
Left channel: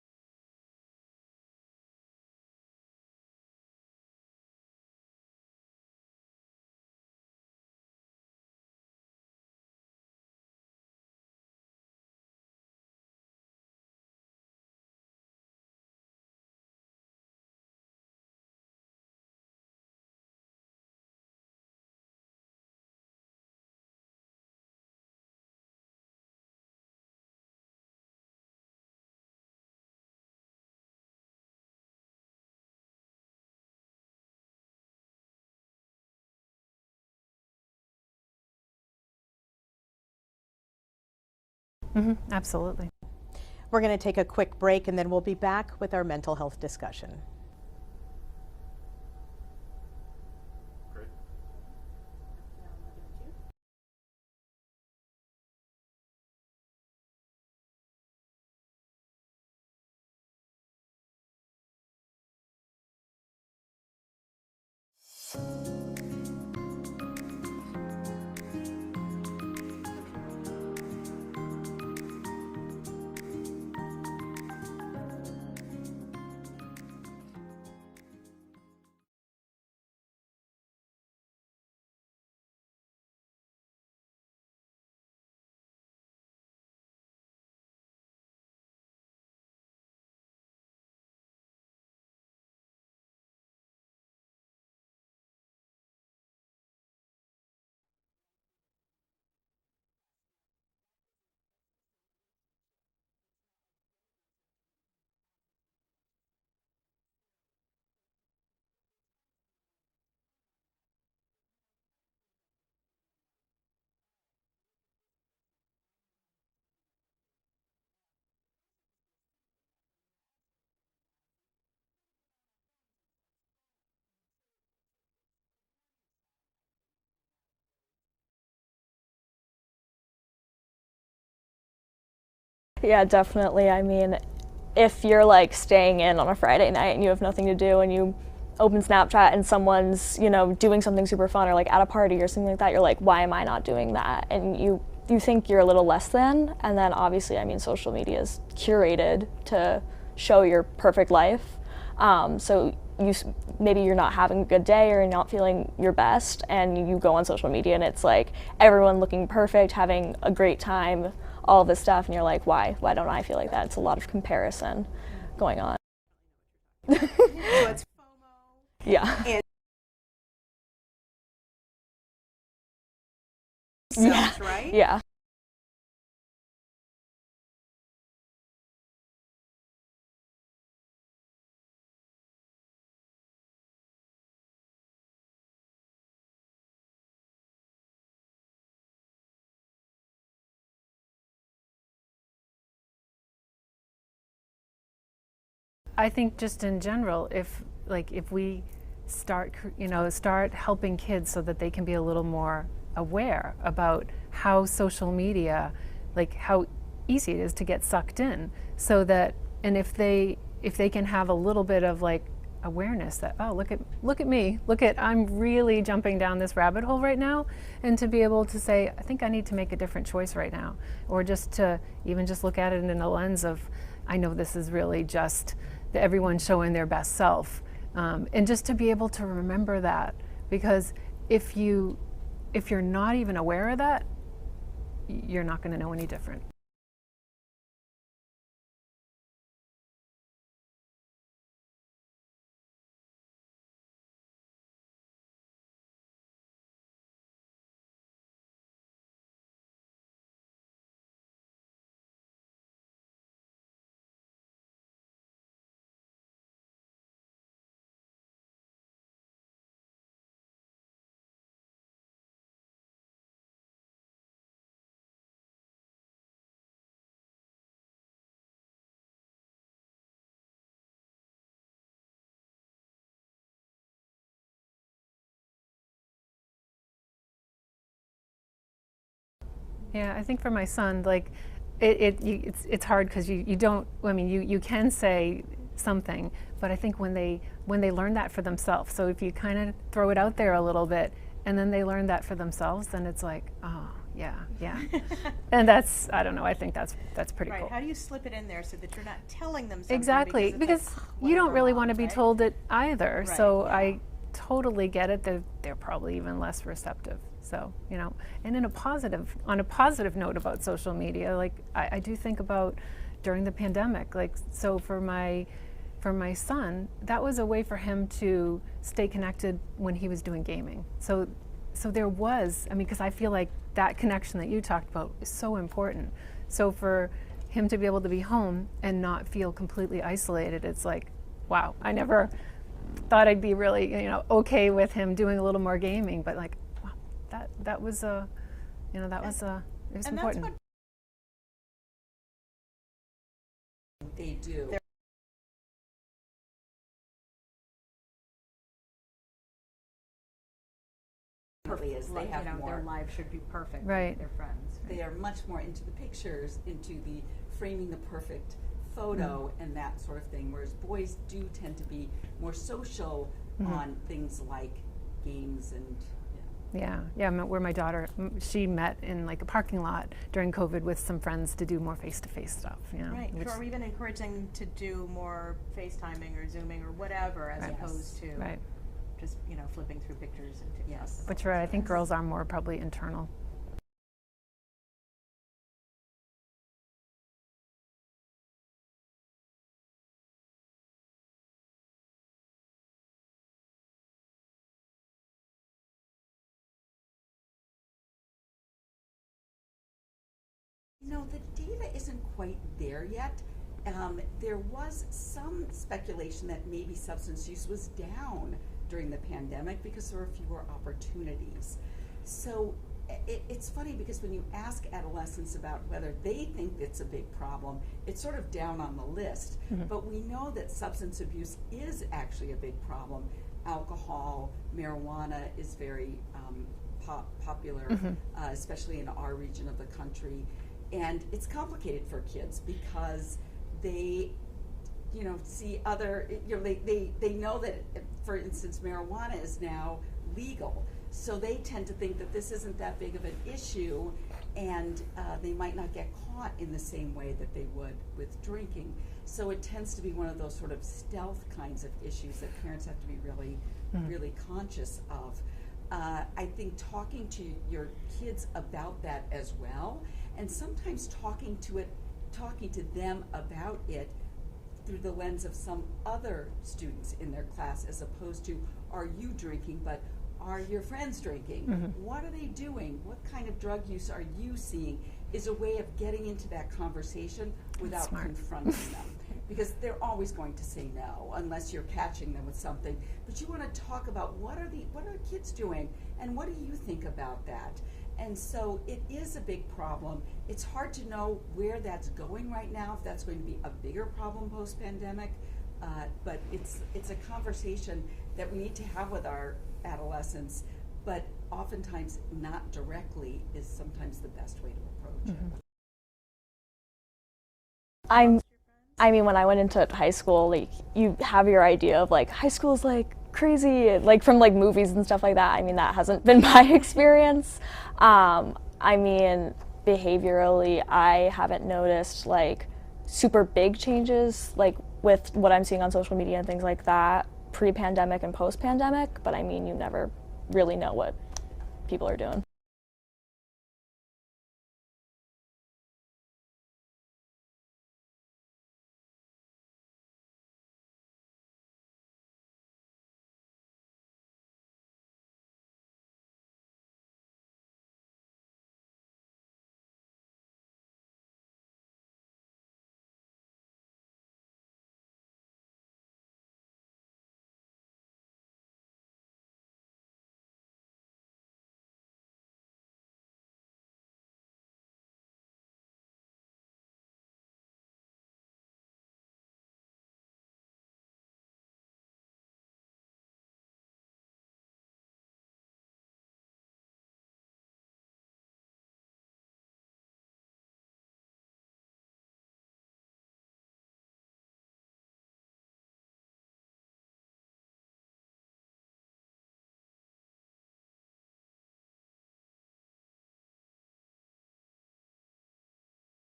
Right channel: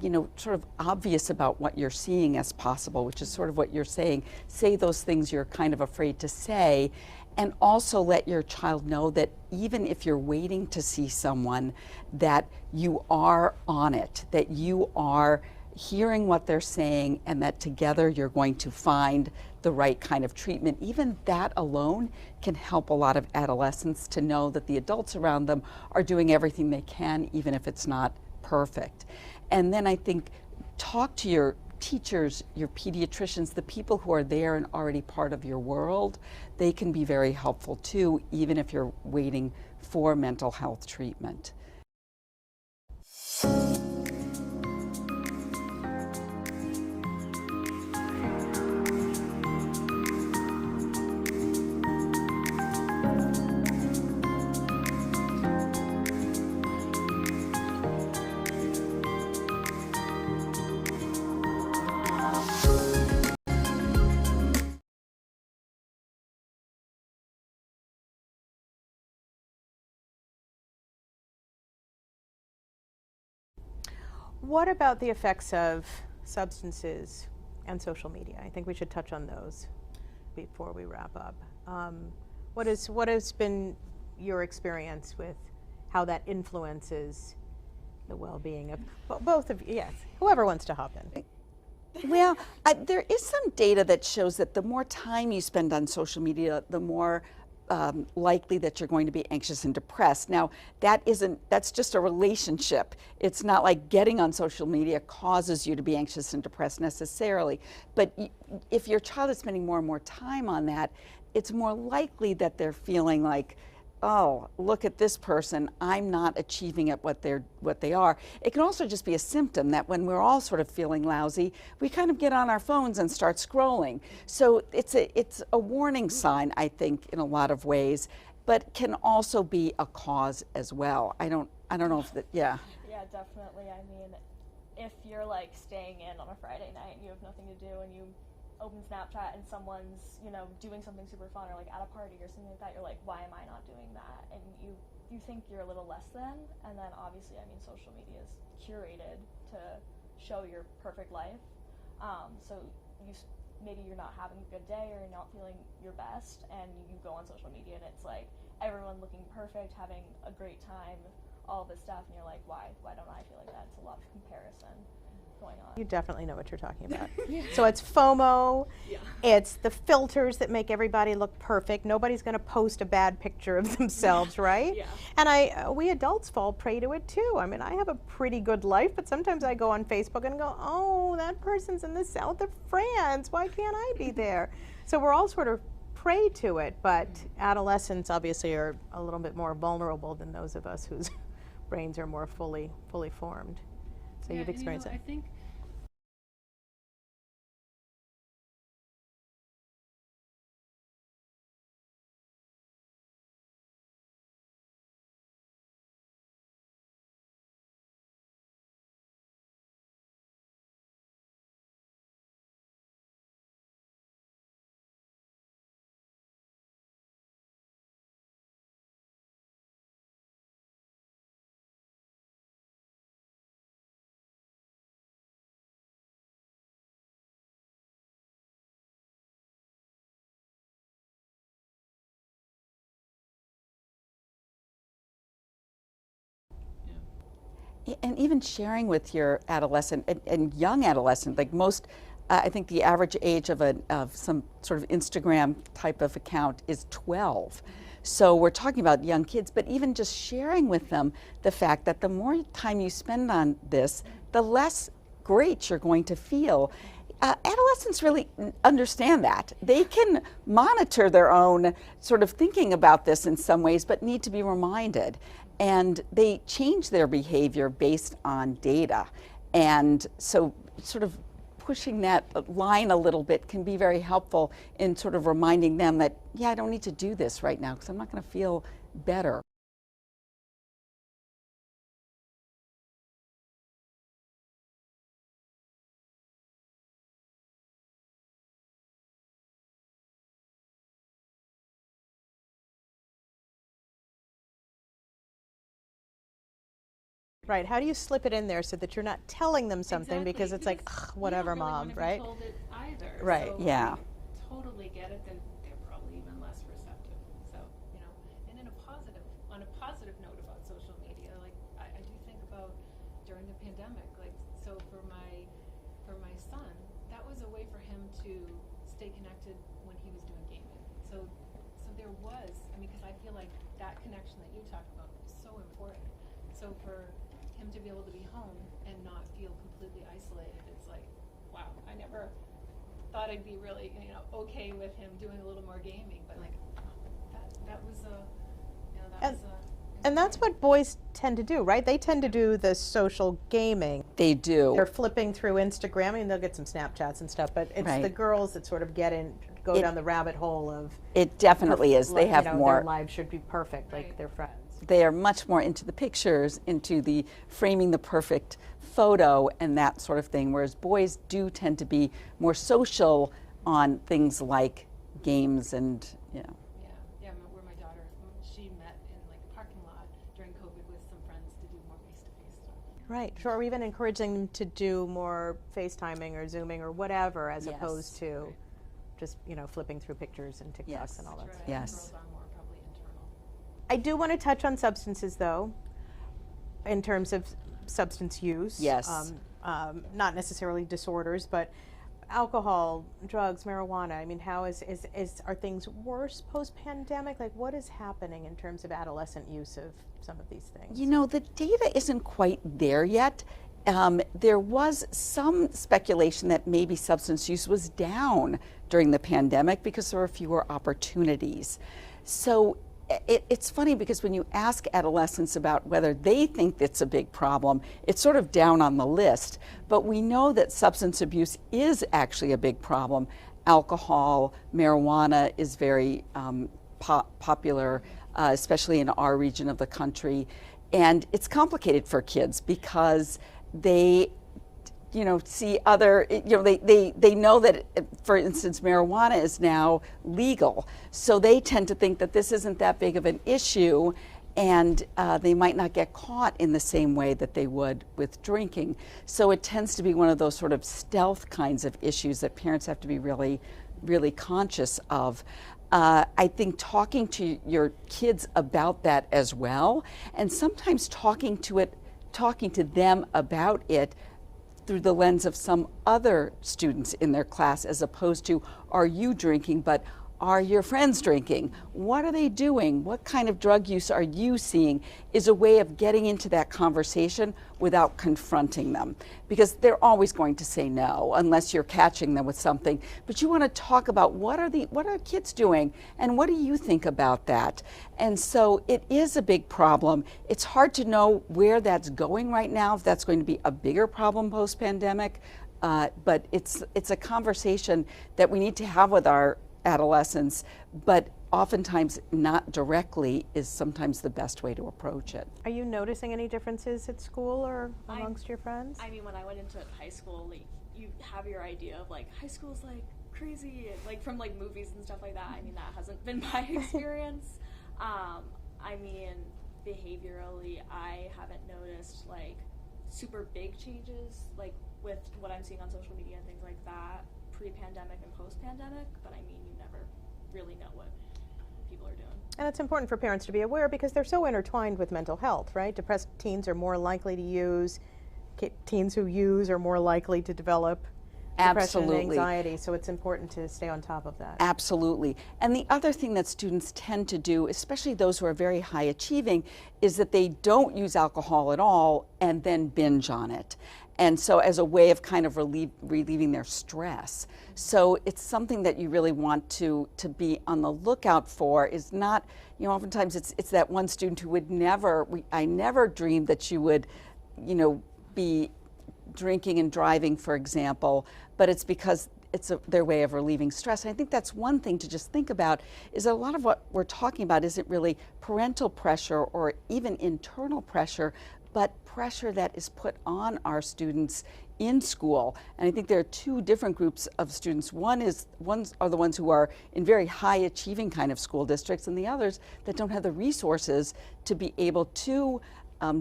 you know, sort of obvious about what you're seeing as possible, which is sort of what you're saying. Say those things you're kind of afraid to say, and also let your child know that even if you're waiting to see someone, that you are on it, that you are hearing what they're saying, and that together you're going to find the right kind of treatment. Even that alone can help a lot of adolescents to know that the adults around them are doing everything they can, even if it's not perfect. And then I think talk to your teachers, your pediatricians, the people who are there and already part of your world. They can be very helpful too, even if you're waiting for mental health treatment. Absolutely. We're going to take a quick break, and then we'll be back with our mental health discussion. What about the effects of substances and social media? I think we should touch on those before we wrap up. What has been your experience with how that influences the well-being of both of you? Yes, whoever wants to hop in. Well, there is some data that shows that the more time you spend on social media, the more likely that you're going to be anxious and depressed. Now, that's just a relationship. It's not like getting on social media causes you to be anxious and depressed necessarily. But if your child is spending more and more time on that, it's more likely that they're feeling like oh, look at this person, I'm not achieving at what they are. It can also just be a symptom that when we're all sort of feeling lousy, we kind of get on our phones and start scrolling. So it's a warning sign, I think, in a lot of ways, but can also be a cause as well. I don't know if that, yeah. Yeah, definitely. I mean, if you're like staying in on a Friday night and you have nothing to do and you open Snapchat and someone's, you know, doing something super fun or like at a party or something like that, you're like, why am I not doing that? And you think you're a little less than, and then obviously, I mean, social media is curated to show your perfect life. So maybe you're not having a good day or you're not feeling your best, and you go on social media and it's like everyone looking perfect, having a great time, all this stuff, and you're like, why don't I feel like that? It's a lot of comparison going on. You definitely know what you're talking about. So it's FOMO. Yeah. It's the filters that make everybody look perfect. Nobody's going to post a bad picture of themselves, right? Yeah. And we adults fall prey to it too. I mean, I have a pretty good life, but sometimes I go on Facebook and go, oh, that person's in the south of France. Why can't I be there? So we're all sort of prey to it, but adolescents obviously are a little bit more vulnerable than those of us whose brains are more fully formed. So you've experienced it. I think just in general, if we start helping kids so that they can be a little more aware about how social media, like how easy it is to get sucked in, so that, and if they can have a little bit of like awareness that, oh, look at me, I'm really jumping down this rabbit hole right now, and to be able to say, I think I need to make a different choice right now, or just to even just look at it in a lens of, I know this is really just everyone showing their best self, and just to be able to remember that, because if you're not even aware of that, you're not going to know any different. And even sharing with your adolescent and young adolescent, like most, I think the average age of some sort of Instagram type of account is 12. So we're talking about young kids, but even just sharing with them the fact that the more time you spend on this, the less great you're going to feel. Adolescents really understand that. They can monitor their own sort of thinking about this in some ways, but need to be reminded. And they change their behavior based on data. And so sort of pushing that line a little bit can be very helpful in sort of reminding them that, yeah, I don't need to do this right now because I'm not going to feel better. Yeah, I think for my son, like, it's hard because you don't, I mean, you can say something, but I think when they learn that for themselves, so if you kind of throw it out there a little bit and then they learn that for themselves, then it's like, oh, yeah. And that's, I don't know, I think that's pretty right. cool. How do you slip it in there so that you're not telling them something? Exactly, because like, you don't really Mom, want to be right? told it either. Right. So Yeah. I totally get it. They're probably even less receptive. So, and on a positive note about social media, like I do think about during the pandemic, like, so for my son, that was a way for him to stay connected when he was doing gaming. So there was, I mean, because I feel like that connection that you talked about is so important. So for him to be able to be home and not feel completely isolated, it's like, wow, I never thought I'd be really, okay with him doing a little more gaming, but like, wow, that was a, And that's what boys tend to do, right? They tend to do the social gaming. They do. They're flipping through Instagram. I mean, they'll get some Snapchats and stuff, but it's Right. the girls that sort of go down the rabbit hole of. It definitely is. They have more. Their lives should be perfect, like Right. their friends. They are much more into the pictures, into the framing the perfect photo and that sort of thing, whereas boys do tend to be more social on things like games and, Yeah, where my daughter, she met in like a parking lot during COVID with some friends to do more face-to-face stuff. Right, sure, or even encouraging them to do more FaceTiming or Zooming or whatever, as opposed to just, flipping through pictures and TikToks. Yes. And all Which that. I think Yes. girls are more probably internal. I do want to touch on substances, though, in terms of substance use. Yes. Not necessarily disorders, but alcohol, drugs, marijuana. I mean, how are things worse post-pandemic? Like, what is happening in terms of adolescent use of some of these things? the data isn't quite there yet. There was some speculation that maybe substance use was down during the pandemic because there were fewer opportunities. So it's funny because when you ask adolescents about whether they think it's a big problem, it's sort of down on the list. But we know that substance abuse is actually a big problem. Alcohol, marijuana is very popular, especially in our region of the country. And it's complicated for kids because they see other, they know that, for instance, marijuana is now legal. So they tend to think that this isn't that big of an issue, and they might not get caught in the same way that they would with drinking. So it tends to be one of those sort of stealth kinds of issues that parents have to be really, really conscious of. I think talking to your kids about that as well, and sometimes talking to them about it through the lens of some other students in their class, as opposed to, are you drinking, but are your friends drinking? What are they doing? What kind of drug use are you seeing? Is a way of getting into that conversation without confronting them. Because they're always going to say no unless you're catching them with something. But you want to talk about what are kids doing and what do you think about that? And so it is a big problem. It's hard to know where that's going right now, if that's going to be a bigger problem post-pandemic. But it's a conversation that we need to have with our adolescents, but oftentimes not directly is sometimes the best way to approach it. Are you noticing any differences at school or I'm- amongst your friends? I mean, when I went into high school, like, you have your idea of like high school's like crazy, like from like movies and stuff like that. I mean, that hasn't been my experience. I mean, behaviorally, I haven't noticed like super big changes, like with what I'm seeing on social media and things like that, pre-pandemic and post-pandemic, but I mean, you never really know what people are doing. And it's important for parents to be aware because they're so intertwined with mental health, right? Depressed teens are more likely to use, teens who use are more likely to develop depression and anxiety, so it's important to stay on top of that. Absolutely. And the other thing that students tend to do, especially those who are very high achieving, is that they don't use alcohol at all and then binge on it. And so as a way of kind of relieving their stress. So it's something that you really want to be on the lookout for. Is not, oftentimes it's that one student who would never, I never dreamed that you would, be drinking and driving, for example, but it's because it's their way of relieving stress. And I think that's one thing to just think about, is that a lot of what we're talking about isn't really parental pressure or even internal pressure, but pressure that is put on our students in school. And I think there are two different groups of students. Ones are the ones who are in very high achieving kind of school districts, and the others that don't have the resources to be able to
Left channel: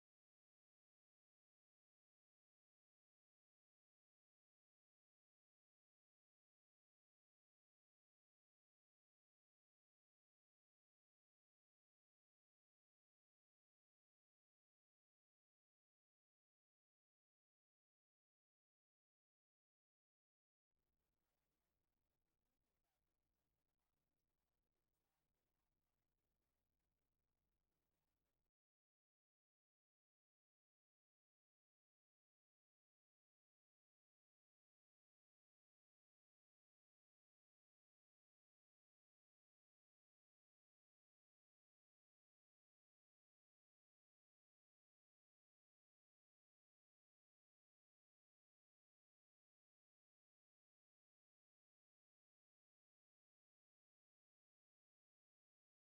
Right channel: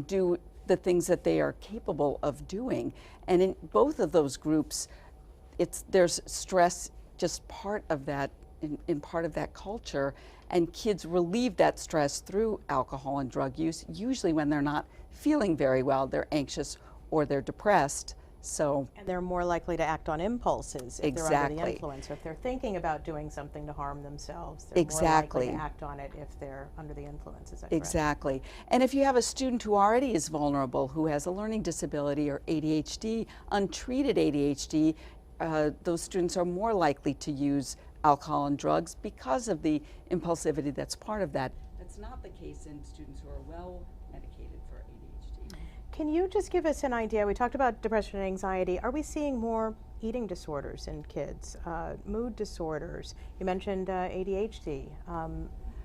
do the things that they are capable of doing. And in both of those groups, there's stress just part of that, in part of that culture, and kids relieve that stress through alcohol and drug use, usually when they're not feeling very well, they're anxious or they're depressed. So, and they're more likely to act on impulses if they're under the Exactly. influence, or if they're thinking about doing something to harm themselves, they're more Exactly. likely to act on it if they're under the influence. Is that correct? exactly. And if you have a student who already is vulnerable, who has a learning disability or ADHD, untreated ADHD, those students are more likely to use alcohol and drugs because of the impulsivity that's part of that. That's not the case in students who are well medicated for ADHD. Can you just give us an idea? We talked about depression and anxiety. Are we seeing more eating disorders in kids, mood disorders? You mentioned ADHD.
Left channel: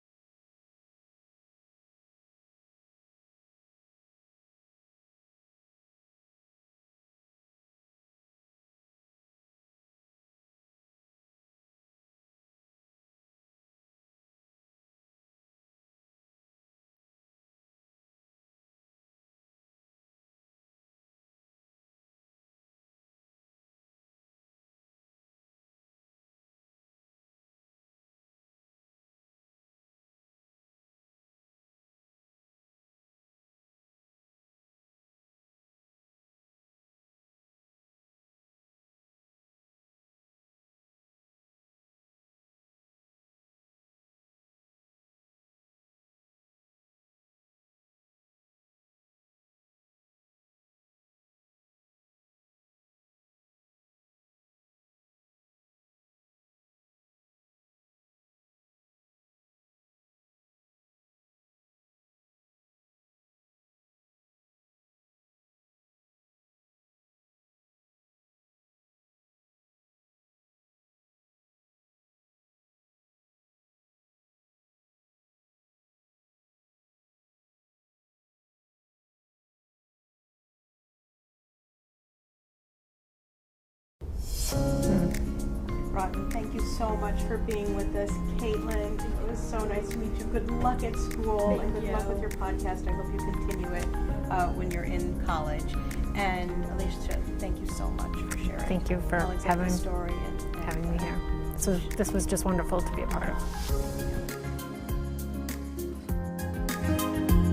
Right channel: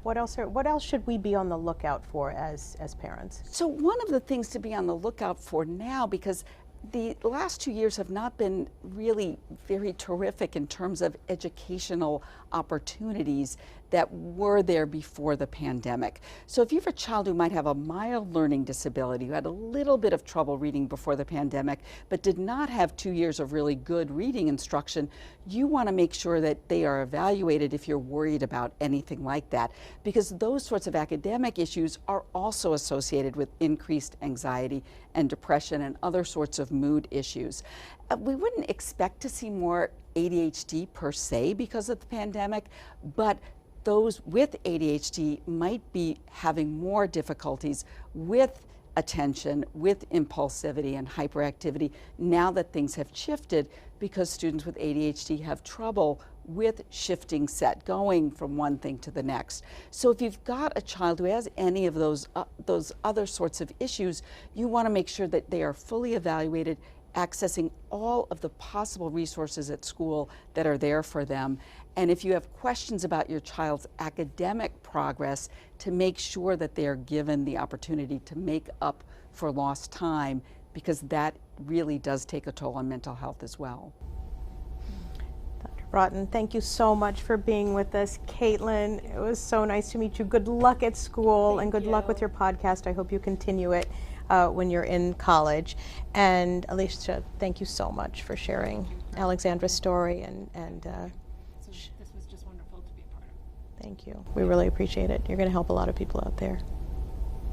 What else should we be on the lookout for as parents? So one of the things to be on the lookout for now, because the last 2 years have not been really very terrific in terms of educational opportunities that were there before the pandemic. So if you have a child who might have a mild learning disability, who had a little bit of trouble reading before the pandemic, but did not have 2 years of really good reading instruction, you want to make sure that they are evaluated if you're worried about anything like that, because those sorts of academic issues are also associated with increased anxiety and depression and other sorts of mood issues. We wouldn't expect to see more ADHD per se because of the pandemic, but those with ADHD might be having more difficulties with attention, with impulsivity and hyperactivity now that things have shifted, because students with ADHD have trouble with shifting set, going from one thing to the next. So if you've got a child who has any of those other sorts of issues, you want to make sure that they are fully evaluated, accessing all of the possible resources at school that are there for them. And if you have questions about your child's academic progress, to make sure that they are given the opportunity to make up for lost time, because that really does take a toll on mental health as well. Broughton, thank you so much for being with us. Caitlin, it was so nice to meet you. Good luck at school and good luck with your podcast. I hope you continue it when you're in college. And Alicia, thank you so much for sharing Thank you for Alexandra's story and having me here. So this was just wonderful to be a part of. we really appreciate it. You're going to help a lot of people out there.